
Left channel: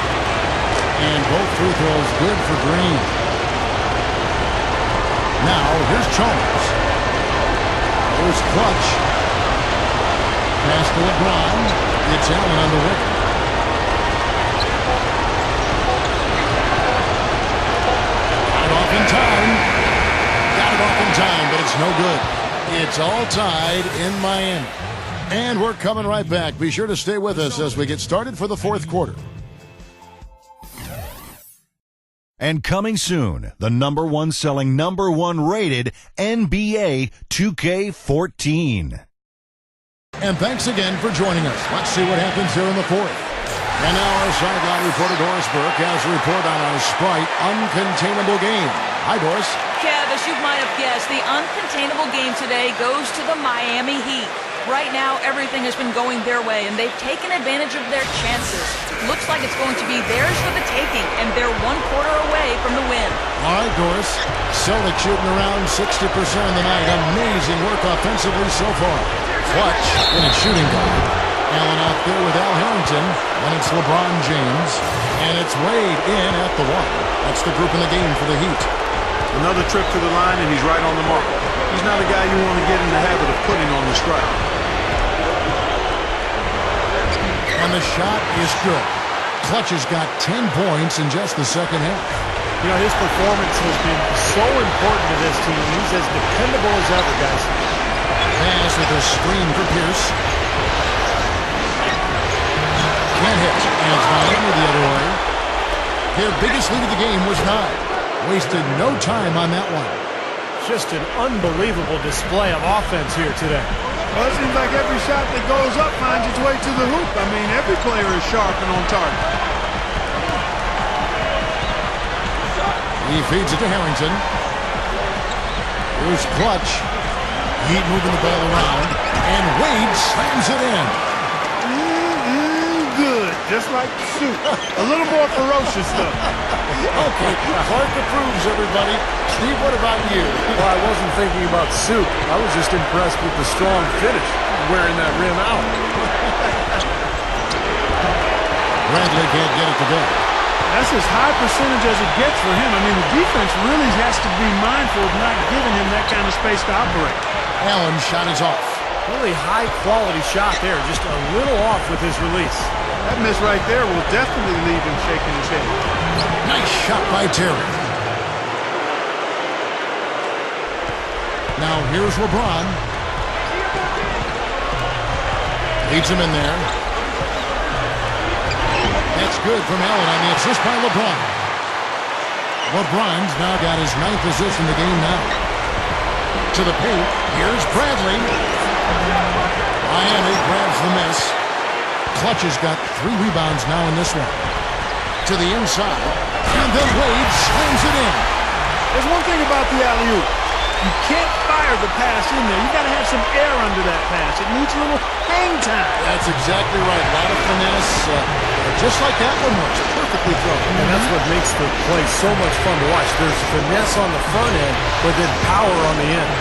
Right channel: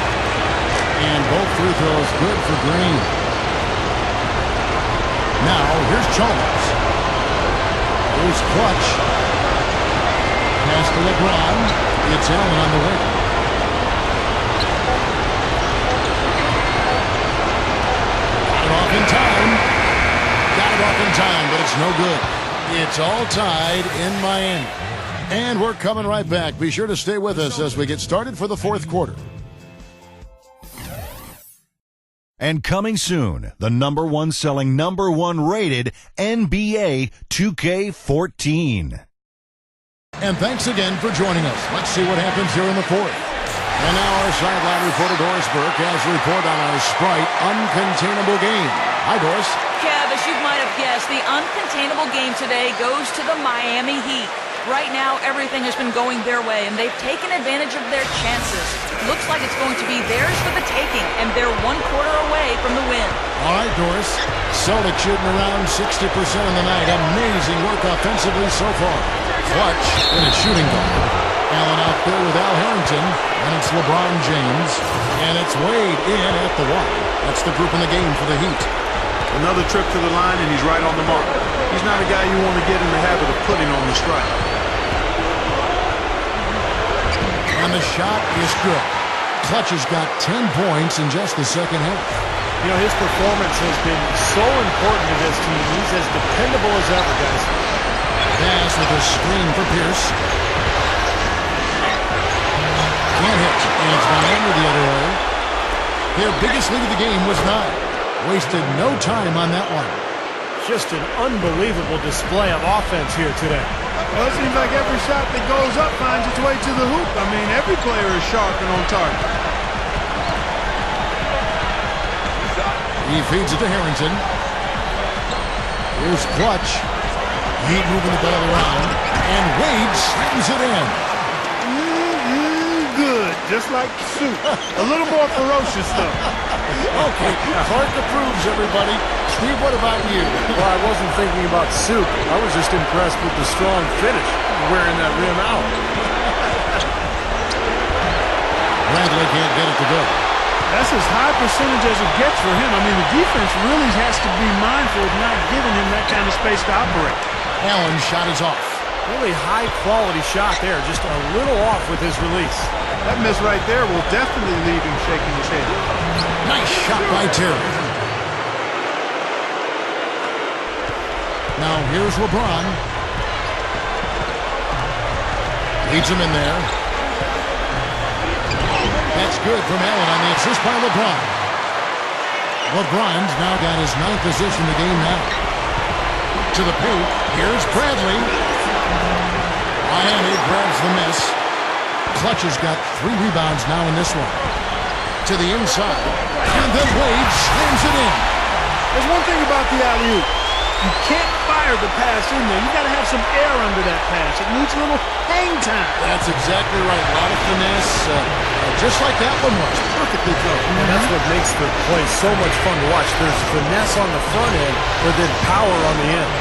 And both free throws good for Green. Now, here's Chalmers. Here's Clutch. Pass to LeBron. It's Allen on the wing. Got it off in time. Got it off in time, but it's no good. It's all tied in Miami. And we're coming right back. Be sure to stay with us as we get started for the fourth quarter. And coming soon, the #1 selling, #1 rated NBA 2K14. And thanks again for joining us. Let's see what happens here in the fourth. And now our sideline reporter Doris Burke has a report on our Sprite Uncontainable game. Hi, Doris. Kev, as you might have guessed, the uncontainable game today goes to the Miami Heat. Right now, everything has been going their way, and they've taken advantage of their chances. Looks like it's going to be theirs for the taking, and they're 1 quarter away from the win. All right, Doris. Celtics shooting around 60% of the night. Amazing work offensively so far. Clutch in a shooting guard. Allen out there with Al Harrington. And it's LeBron James. And it's Wade in at the 1. That's the group in the game for the Heat. Another trip to the line, and he's right on the mark. He's not a guy you want to get in the habit of putting on the strike. And the shot is good. Clutch has got 10 points in just the second half. You know, his performance has been so important to this team. He's as dependable as ever, guys. Pass with a screen for Pierce. Can't hit. And it's Miami the other way. Their biggest lead of the game was 9. Wasted no time on that one. Just an unbelievable display of offense here today. Well, it seems like every shot that goes up finds its way to the hoop. I mean, every player is sharp and on target. He feeds it to Harrington. Here's Clutch. Heat moving the ball around. And Wade slams it in. Good, just like soup. A little more ferocious, though. Okay, Clark approves, everybody. Steve, what about you? Well, I wasn't thinking about soup. I was just impressed with the strong finish, wearing that rim out. Bradley can't get it to go. That's as high percentage as it gets for him. I mean, the defense really has to be mindful of not giving him that kind of space to operate. Allen's shot is off. Really high-quality shot there, just a little off with his release. That miss right there will definitely leave him shaking his head. Nice shot by Terry. Now here's LeBron. Leads him in there. That's good from Allen on the assist by LeBron. LeBron's now got his 9th assist in the game now. To the paint. Here's Bradley. Miami grabs the miss. Clutch has got 3 rebounds now in this one. To the inside. And then Wade slams it in. There's one thing about the alley-oop. You can't fire the pass in there. You got to have some air under that pass. It needs a little hang time. That's exactly right. A lot of finesse. Just like that one was. Perfectly thrown. And that's what makes the play so much fun to watch. There's finesse on the front end, but then power on the end.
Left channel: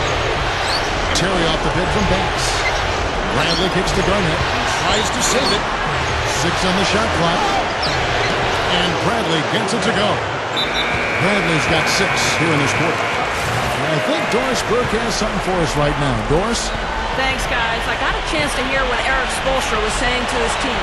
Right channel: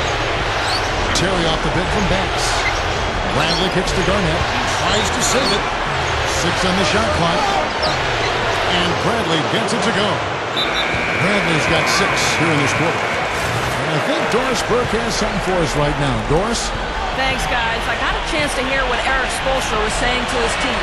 Terry off the bid from Bass. Bradley kicks to Garnett. Tries to save it. 6 on the shot clock. And Bradley gets it to go. Bradley's got 6 here in this quarter. And I think Doris Burke has something for us right now. Doris? Thanks, guys. I got a chance to hear what Eric Spoelstra was saying to his team.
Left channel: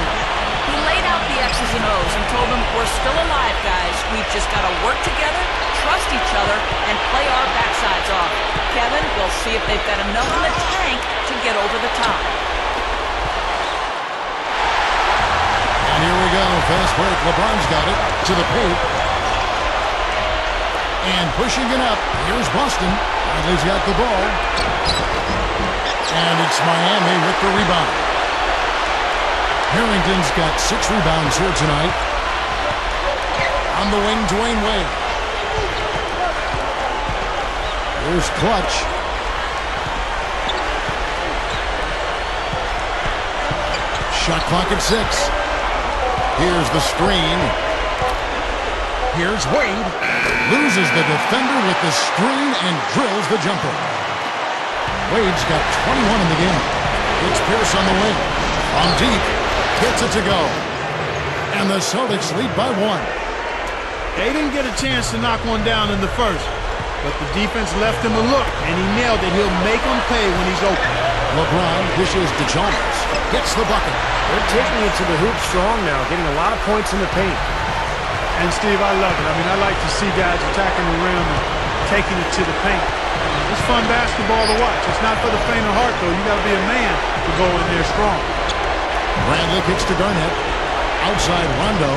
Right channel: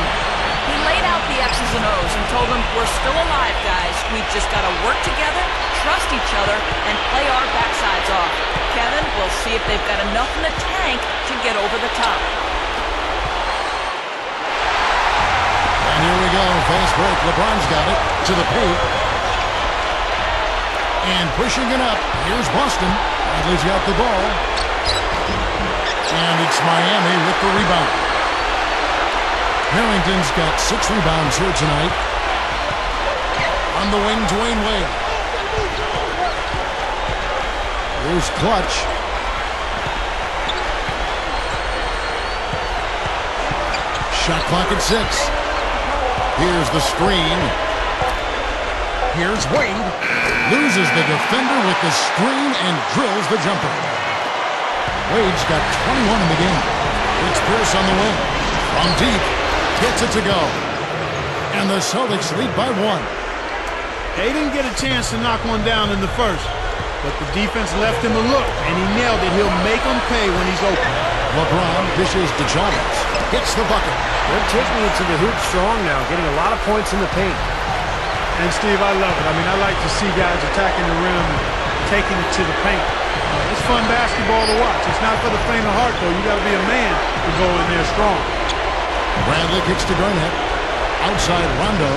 He laid out the X's and O's and told them, we're still alive, guys. We've just got to work together, trust each other, and play our backsides off. Kevin, we'll see if they've got enough in the tank to get over the top. And here we go. Fast break. LeBron's got it to the paint. And pushing it up. Here's Boston. Bradley's got the ball. And it's Miami with the rebound. Harrington's got 6 rebounds here tonight. On the wing, Dwayne Wade. Here's Clutch. Shot clock at 6. Here's the screen. Here's Wade. Loses the defender with the screen and drills the jumper. Wade's got 21 in the game. It's Pierce on the wing. From deep. Gets it to go. And the Celtics lead by 1. They didn't get a chance to knock one down in the first, but the defense left him a look, and he nailed it. He'll make them pay when he's open. LeBron dishes to Chalmers. Gets the bucket. They're taking it to the hoop strong now, getting a lot of points in the paint. And, Steve, I love it. I mean, I like to see guys attacking the rim and taking it to the paint. It's fun basketball to watch. It's not for the faint of heart, though. You got to be a man to go in there strong. Bradley kicks to Garnett. Outside Rondo.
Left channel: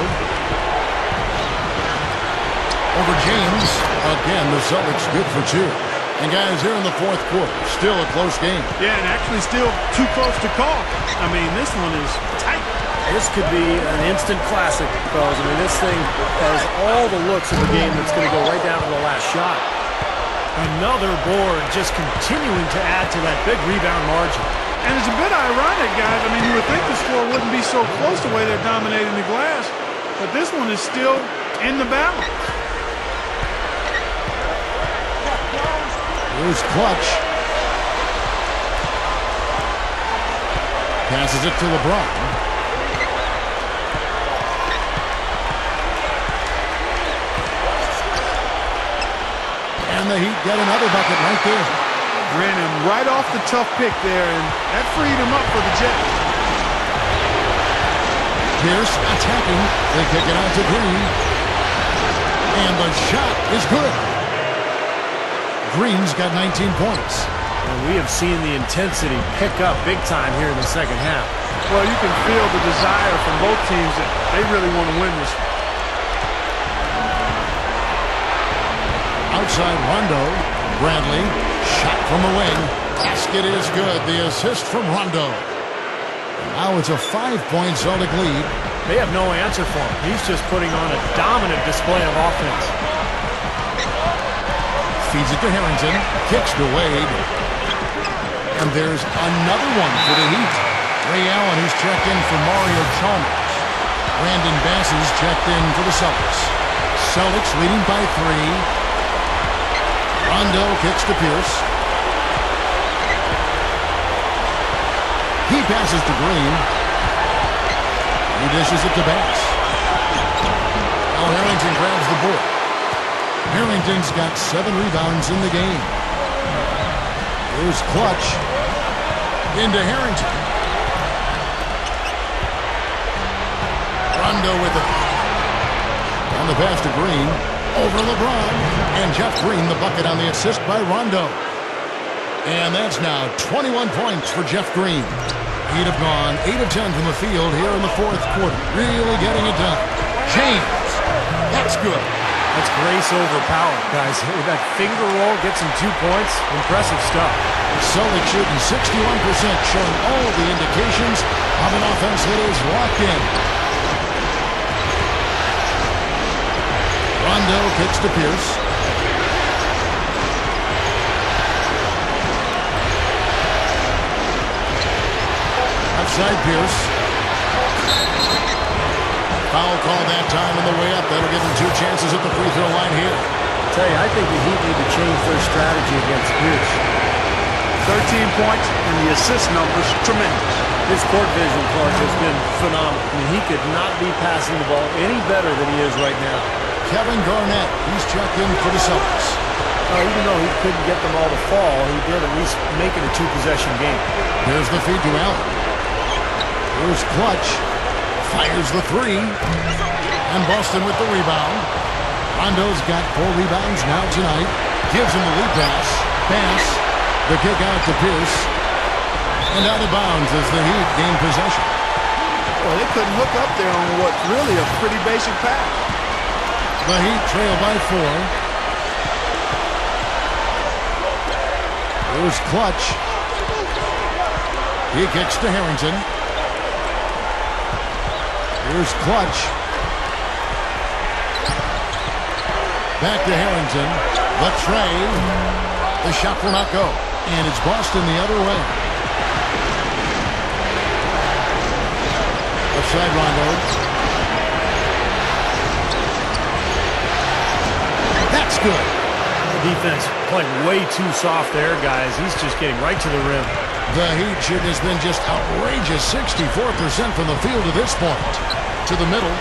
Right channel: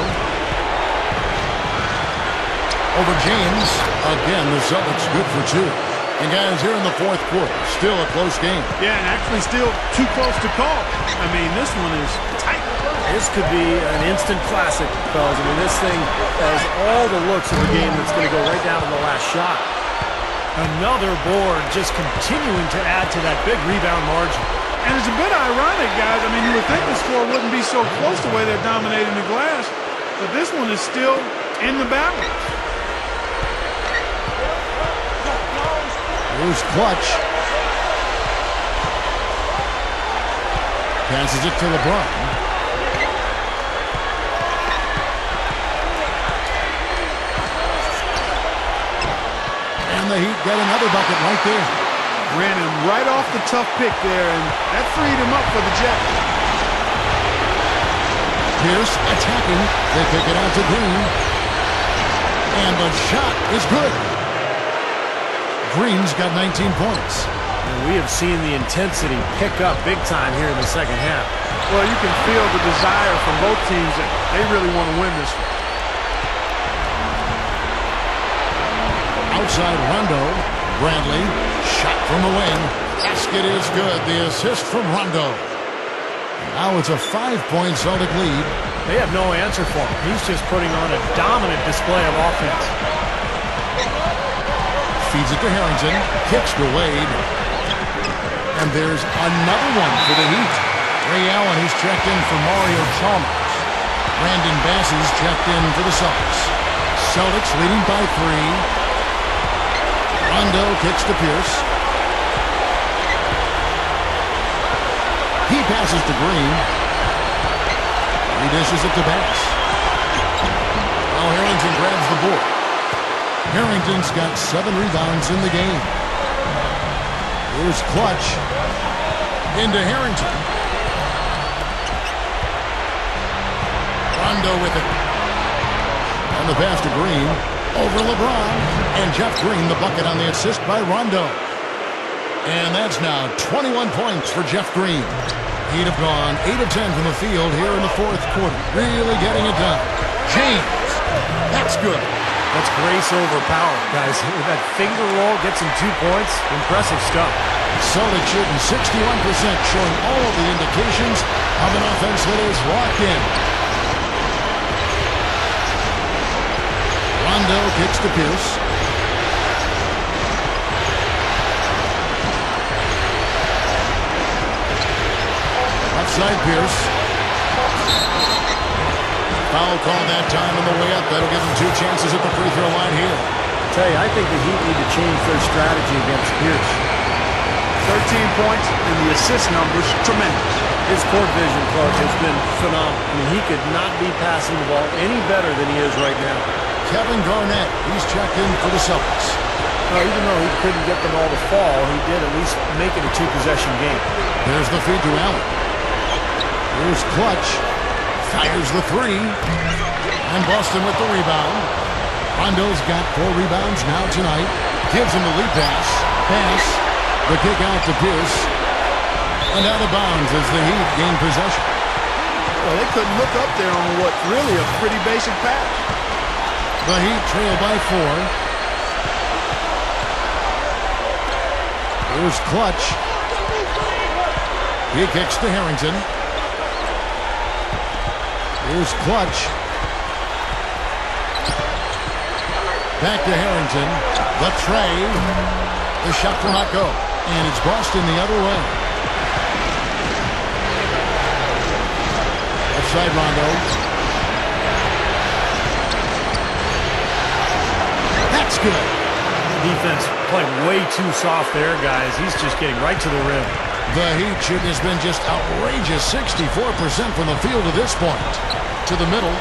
Over James. Again, the Celtics good for 2. And guys, here in the 4th quarter, still a close game. Yeah, and actually still too close to call. I mean, this one is tight. This could be an instant classic, fellas. I mean, this thing has all the looks of the game that's going to go right down to the last shot. Another board just continuing to add to that big rebound margin. And it's a bit ironic, guys. I mean, you would think the score wouldn't be so close the way they're dominating the glass, but this one is still in the balance. Here's Clutch. Passes it to LeBron. And the Heat get another bucket right there. Ran him right off the tough pick there, and that freed him up for the Jets. Pierce attacking. They kick it out to Green. And the shot is good. Green's got 19 points. And we have seen the intensity pick up big time here in the second half. Well, you can feel the desire from both teams that they really want to win this one. Outside Rondo. Bradley. Shot from the wing. Basket is good. The assist from Rondo. Now it's a 5-point Celtic lead. They have no answer for him. He's just putting on a dominant display of offense. Feeds it to Harrington. Kicks to Wade. And there's another one for the Heat. Ray Allen, he's checked in for Mario Chalmers. Brandon Bass is checked in for the Celtics. Celtics leading by 3. Rondo kicks to Pierce. He passes to Green. He dishes it to Bass. Now Harrington grabs the board. Harrington's got 7 rebounds in the game. Here's Clutch. Into Harrington. Rondo with it. And the pass to Green. Over LeBron. And Jeff Green, the bucket on the assist by Rondo. And that's now 21 points for Jeff Green. He'd have gone 8 of 10 from the field here in the fourth quarter. Really getting it done. James. That's good. That's grace over power, guys. With that finger roll, gets him 2 points. Impressive stuff. Celtics shooting 61%, showing all the indications of an offense that is locked in. Rondo kicks to Pierce. Outside Pierce. Foul call that time on the way up. That'll give him 2 chances at the free throw line here. I tell you, I think the Heat need to change their strategy against Pierce. 13 points, and the assist numbers tremendous. His court vision, Clark, has been phenomenal. I mean, he could not be passing the ball any better than he is right now. Kevin Garnett, he's checked in for the Celtics. Even though he couldn't get them all to fall, he did at least make it a 2-possession game. There's the feed to Allen. Here's Clutch. Fires the 3. And Boston with the rebound. Rondo's got 4 rebounds now tonight. Gives him the lead pass. Pass. The kick out to Pierce. And out of bounds as the Heat gain possession. Well, they couldn't hook up there on what's really a pretty basic pass. The Heat trail by 4. Here's Clutch. He kicks to Harrington. Here's Clutch. Back to Harrington. The tray. The shot will not go. And it's Boston the other way. Outside Rondo. That's good. The defense playing way too soft there, guys. He's just getting right to the rim. The Heat shooting has been just outrageous. 64% from the field to this point. To the middle.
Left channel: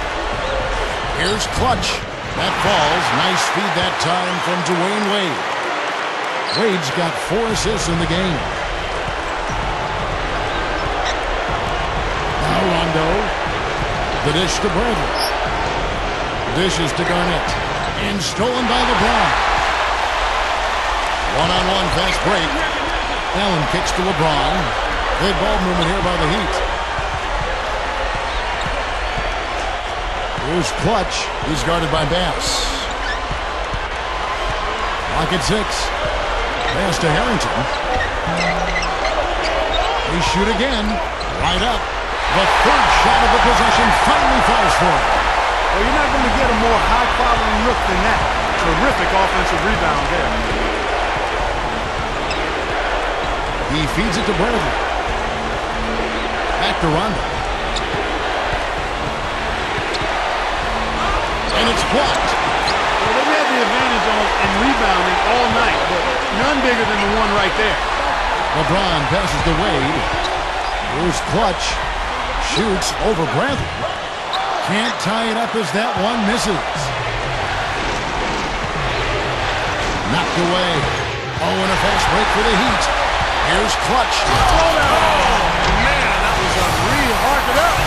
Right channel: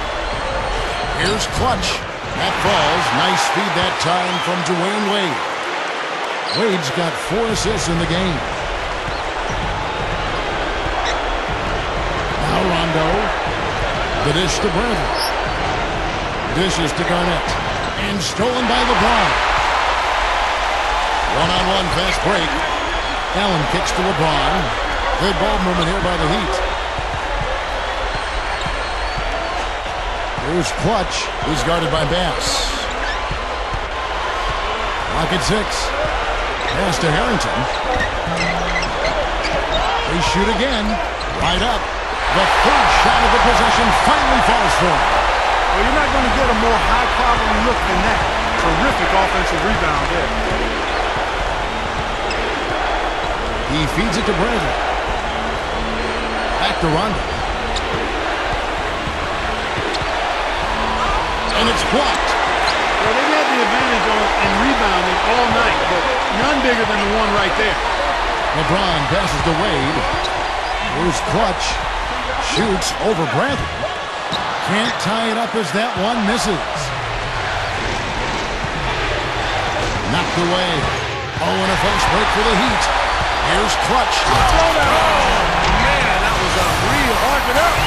Here's Clutch. That falls. Nice feed that time from Dwayne Wade. Wade's got 4 assists in the game. Now Rondo. The dish to Bradley. Dishes to Garnett. And stolen by LeBron. One-on-one fast break. Allen kicks to LeBron. Good ball movement here by the Heat. Here's Clutch. He's guarded by Bass. Clock at 6. Pass to Harrington. They shoot again. Right up. The 3rd shot of the possession finally falls for him. Well, you're not going to get a more high-quality look than that. Terrific offensive rebound there. He feeds it to Bradley. Back to Rondo. And it's blocked. Well, they've had the advantage in rebounding all night, but none bigger than the one right there. LeBron passes to Wade. Here's Clutch. Shoots over Bradley. Can't tie it up as that one misses. Knocked away. Oh, and a fast break for the Heat. Here's Clutch. Oh, man, that was unreal. Hark it up.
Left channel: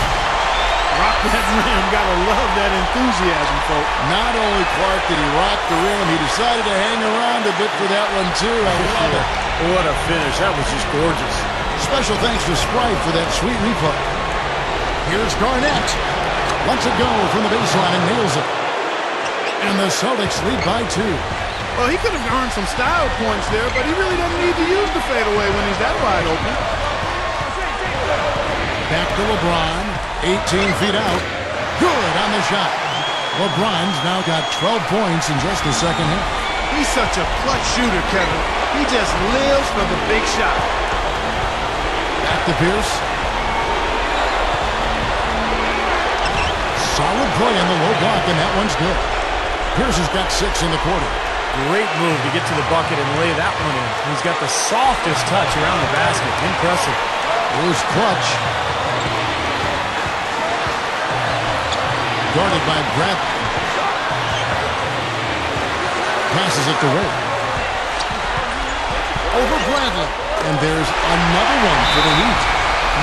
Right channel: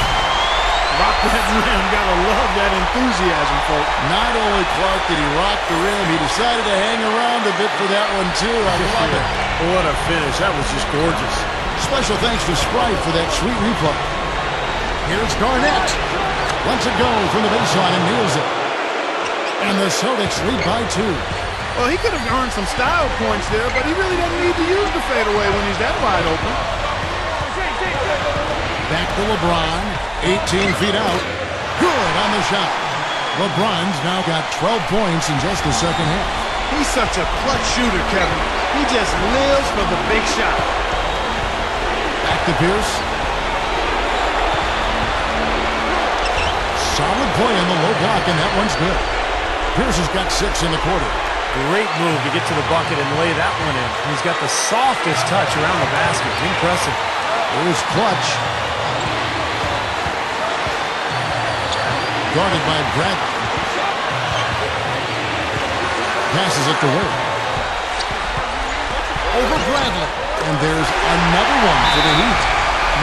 Rock that rim. Gotta love that enthusiasm, folks. Not only, Clark, did he rock the rim, he decided to hang around a bit for that one, too. I love it. What a finish. That was just gorgeous. Special thanks to Sprite for that sweet replay. Here's Garnett. Lets it go from the baseline and nails it. And the Celtics lead by 2. Well, he could have earned some style points there, but he really doesn't need to use the fadeaway when he's that wide open. Back to LeBron. 18 feet out. Good on the shot. LeBron's now got 12 points in just the second half. He's such a clutch shooter, Kevin. He just lives for the big shot. Back to Pierce. Solid play on the low block, and that one's good. Pierce has got 6 in the quarter. Great move to get to the bucket and lay that one in. He's got the softest touch around the basket. Impressive. Here's Clutch. Guarded by Bradley. Passes it to Wade. Over Bradley. And there's another one for the Heat.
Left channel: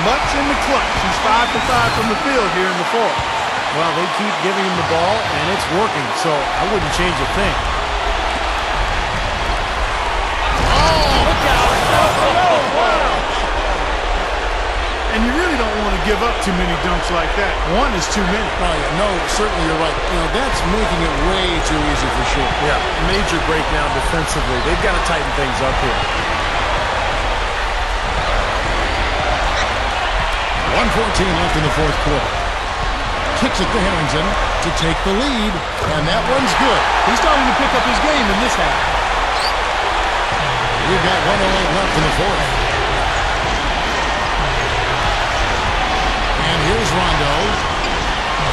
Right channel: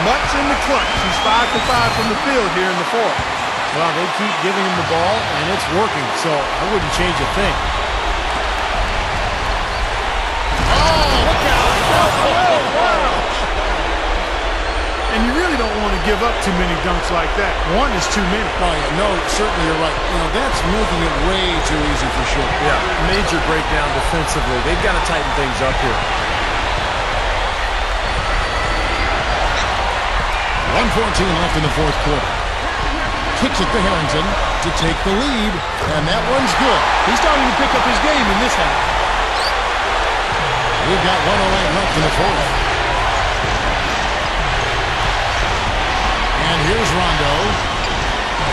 Much in the clutch. He's 5 for 5 from the field here in the fourth. Well, they keep giving him the ball, and it's working, so I wouldn't change a thing. Look out! Oh, wow. And you really don't want to give up too many dunks like that. One is too many. Oh, yeah, no, certainly you're right. You know, that's making it way too easy for sure. Yeah, major breakdown defensively. They've got to tighten things up here. 1:14 left in the fourth quarter. Kicks it to Harrington to take the lead, and that one's good. He's starting to pick up his game in this half. We've got 1:08 left in the fourth. And here's Rondo.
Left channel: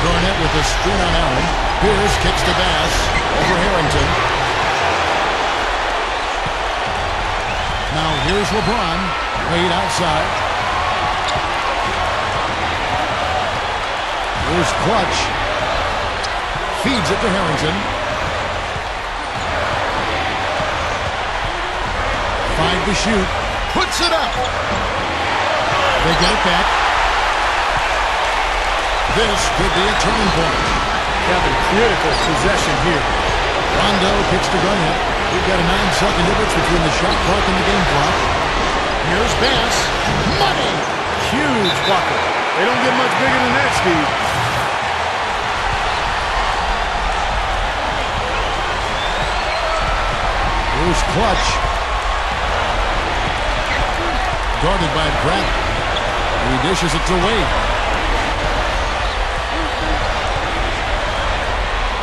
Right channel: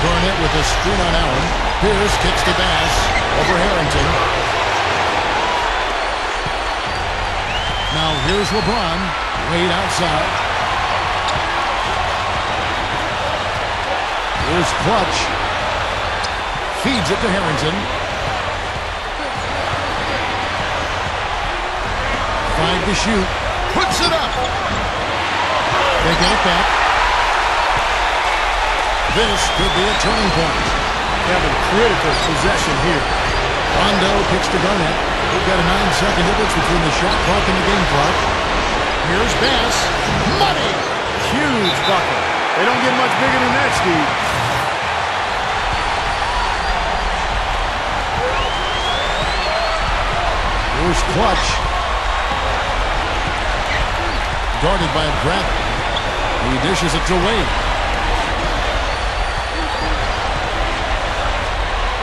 Garnett with a screen on Allen. Pierce kicks to Bass over Harrington. Now here's LeBron. Wade outside. Here's Clutch. Feeds it to Harrington. 5 to shoot. Puts it up. They get it back. This could be a turning point. Having critical possession here. Rondo kicks to Garnett. We've got a 9-second difference between the shot clock and the game clock. Here's Bass. Money! Huge bucket. They don't get much bigger than that, Steve. Here's Clutch. Guarded by Bradley. He dishes it to Wade.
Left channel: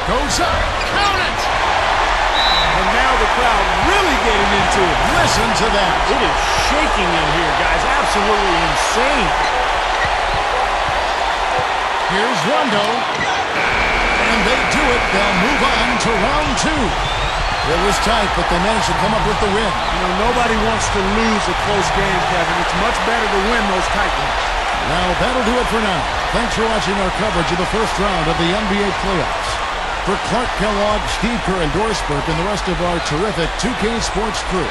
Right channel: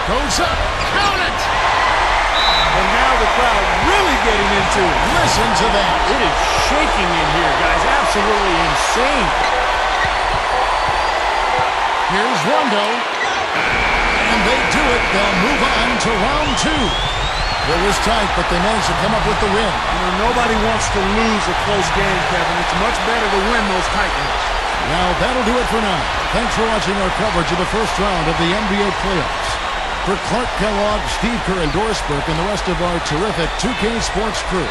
Goes up. Count it! And now the crowd really getting into it. Listen to that. It is shaking in here, guys. Absolutely insane. Here's Rondo. And they do it. They'll move on to round 2. It was tight, but they managed to come up with the win. You know, nobody wants to lose a close game, Kevin. It's much better to win those tight ones. Well, that'll do it for now. Thanks for watching our coverage of the first round of the NBA playoffs. For Clark Kellogg, Steve Kerr, and Doris Burke, and the rest of our terrific 2K Sports crew,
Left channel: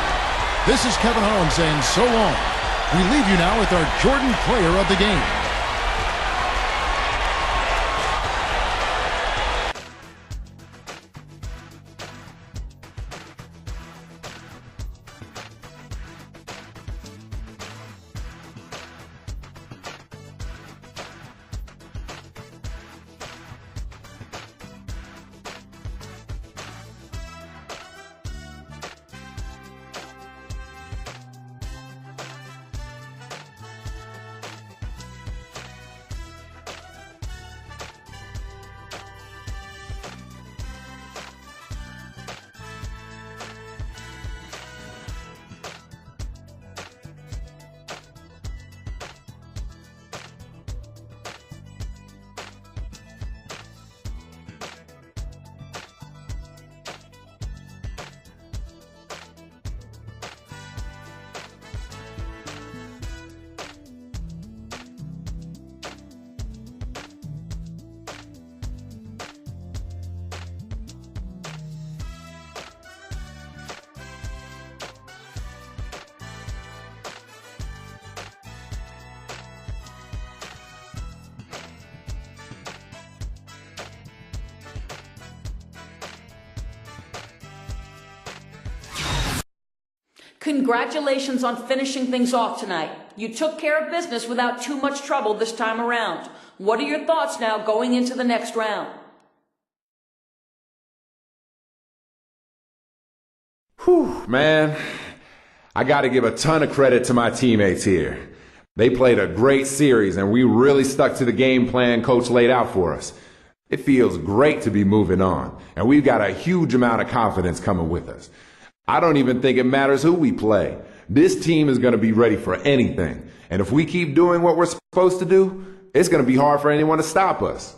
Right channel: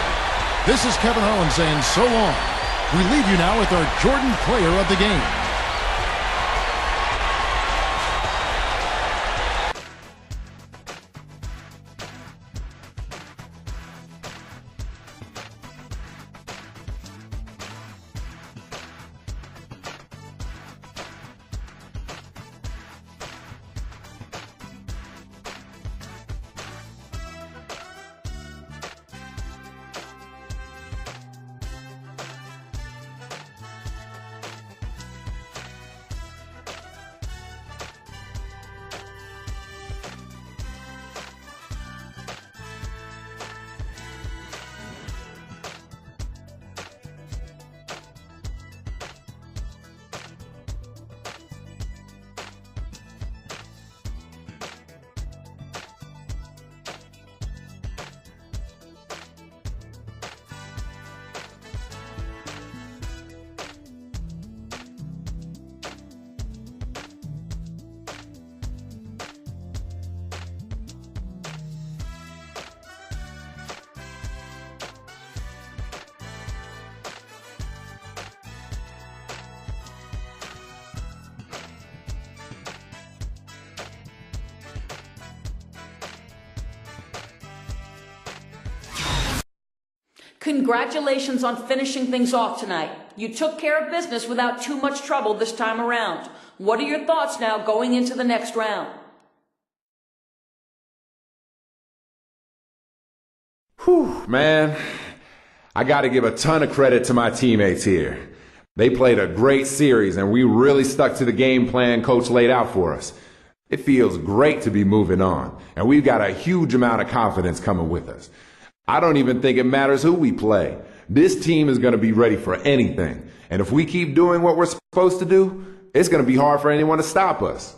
this is Kevin Harlan saying so long. We leave you now with our Jordan Player of the Game. Congratulations on finishing things off tonight. You took care of business without too much trouble this time around. What are your thoughts now going into the next round? Whew, man. I got to give a ton of credit to my teammates here. They played a great series, and we really stuck to the game plan Coach laid out for us. It feels great to be moving on, and we've got a huge amount of confidence coming with us. I don't even think it matters who we play. This team is going to be ready for anything, and if we keep doing what we're supposed to do, it's going to be hard for anyone to stop us.